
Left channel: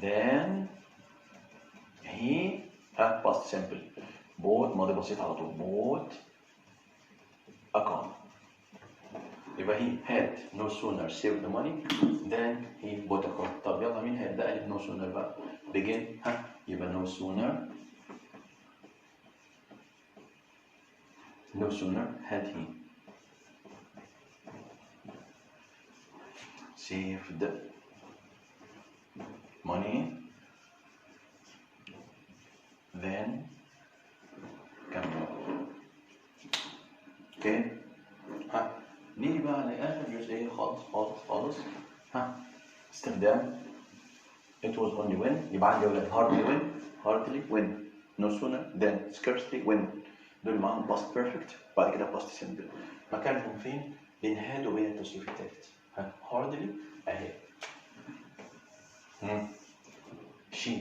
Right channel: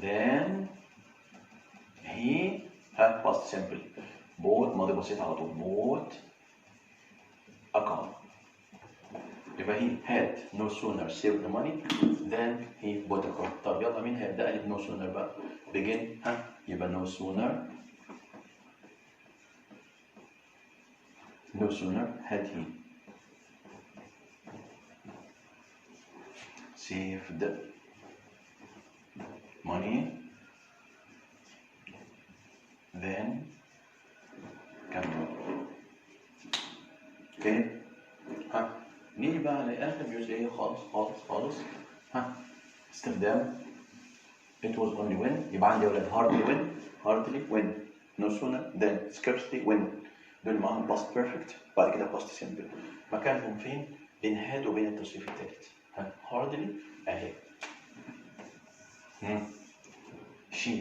then he past simple bought ماضي بسيط على طول bought a car. يبقى he had no sooner saved the money than he bought a car. طب يلا مين هيبدأ لي no sooner بقى؟ begin يبقى no sooner had he saved money then كمل. اوكي نيجي بقى لآخر جزئية خالص. استخدام it was only when. يبقى عندي أولاد hardly when no sooner than scarcely when. دول معاهم past perfect بعد كده past simple. مكانهم فين؟ بين had وبين التصريف الثالث. hardly أهي. she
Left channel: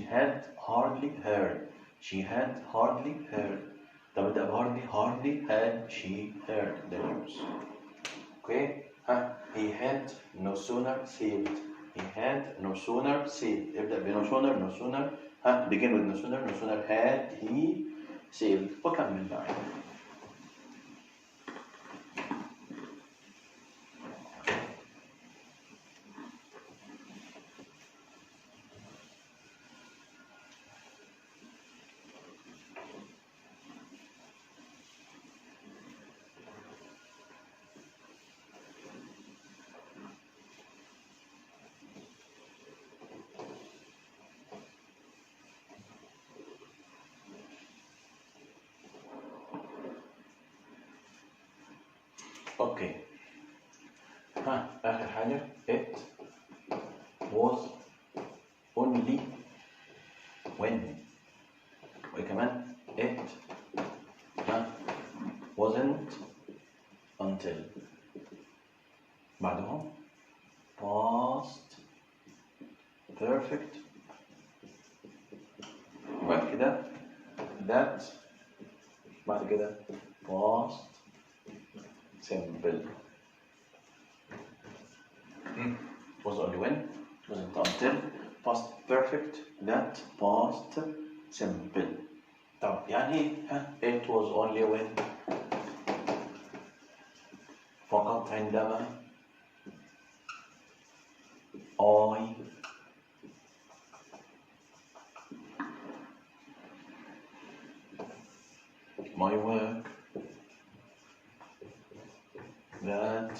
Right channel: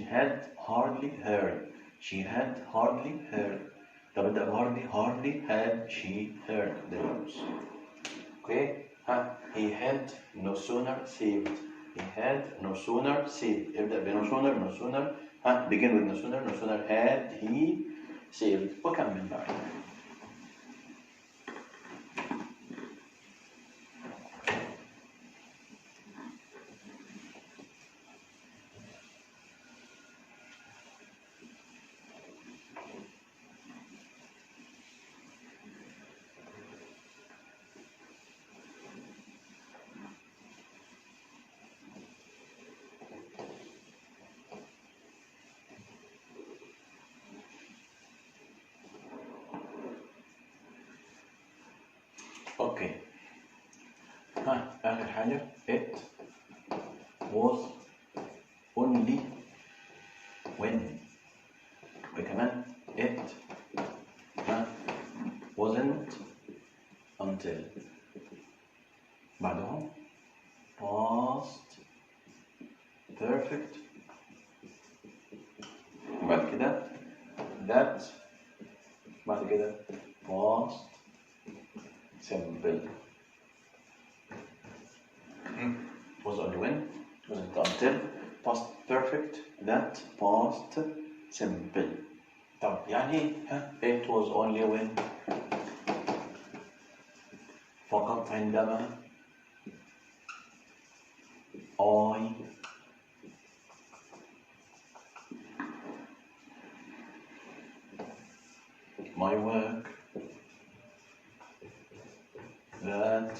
had hardly heard. طب ابدأ hardly had she heard the news. Okay he had no sooner saved. ابدأ ب no sooner begin with no sooner had he saved وكمل بقى. حاجة it was only when، وكمان it wasn't until. بعدهم past perfect، بعد كده that، بعد كده past simple. was only when، wasn't until، past perfect، that past simple. طب يعني it was only when فقط عندما I my work that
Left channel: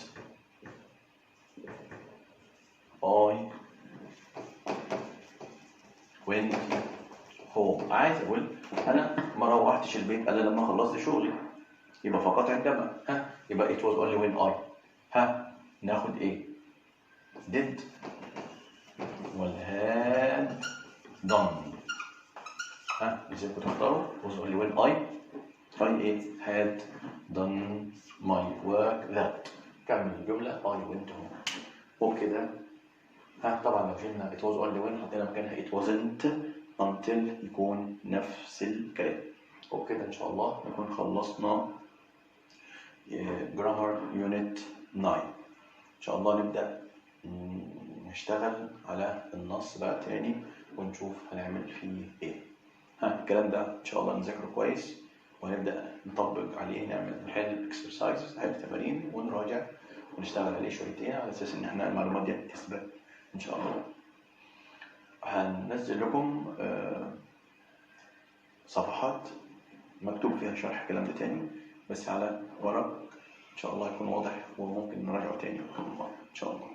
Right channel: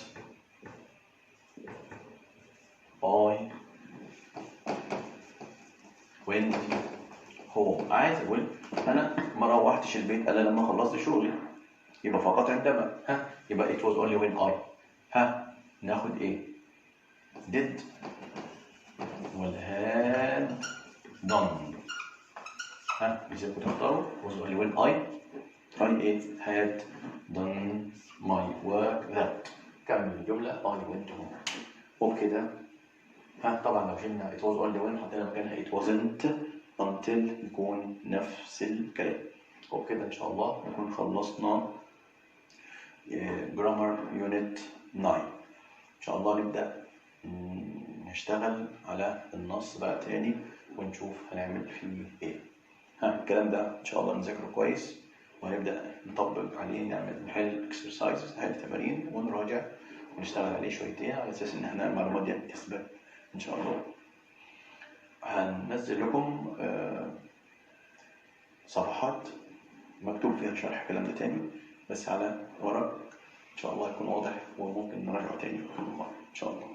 I went home. عايز اقول انا ما روحتش البيت الا لما خلصت شغلي، يبقى فقط عندما يبقى it was only when I ناخد ايه؟ did ولا had done. إذا كنت تختاروا was only when I had done my work that. كمل الجملة I went home. وبكده طبعا لو شلنا it was only when حطينا مكانها it wasn't until يكون نفس الكلام. وبكده إن شاء الله نكون خلصنا grammar unit 9. إن شاء الله نبدأ نشتغل على النص بقى تاني ونشوف هنعمل فيه ايه. الكلام ده ان شاء الله نذاكره كويس وهنبدأ نطبق عليه، نحل exercises، نحل تمارين ونراجع ونشتغل عليه شويتين على اساس ان احنا المعلومات دي تثبت ان شاء الله. هننزل لكم صفحات مكتوب فيها شرح الكلام ده تاني بس على ورق ان شاء الله يكون واضح وممكن نراجعه تاني ان شاء الله.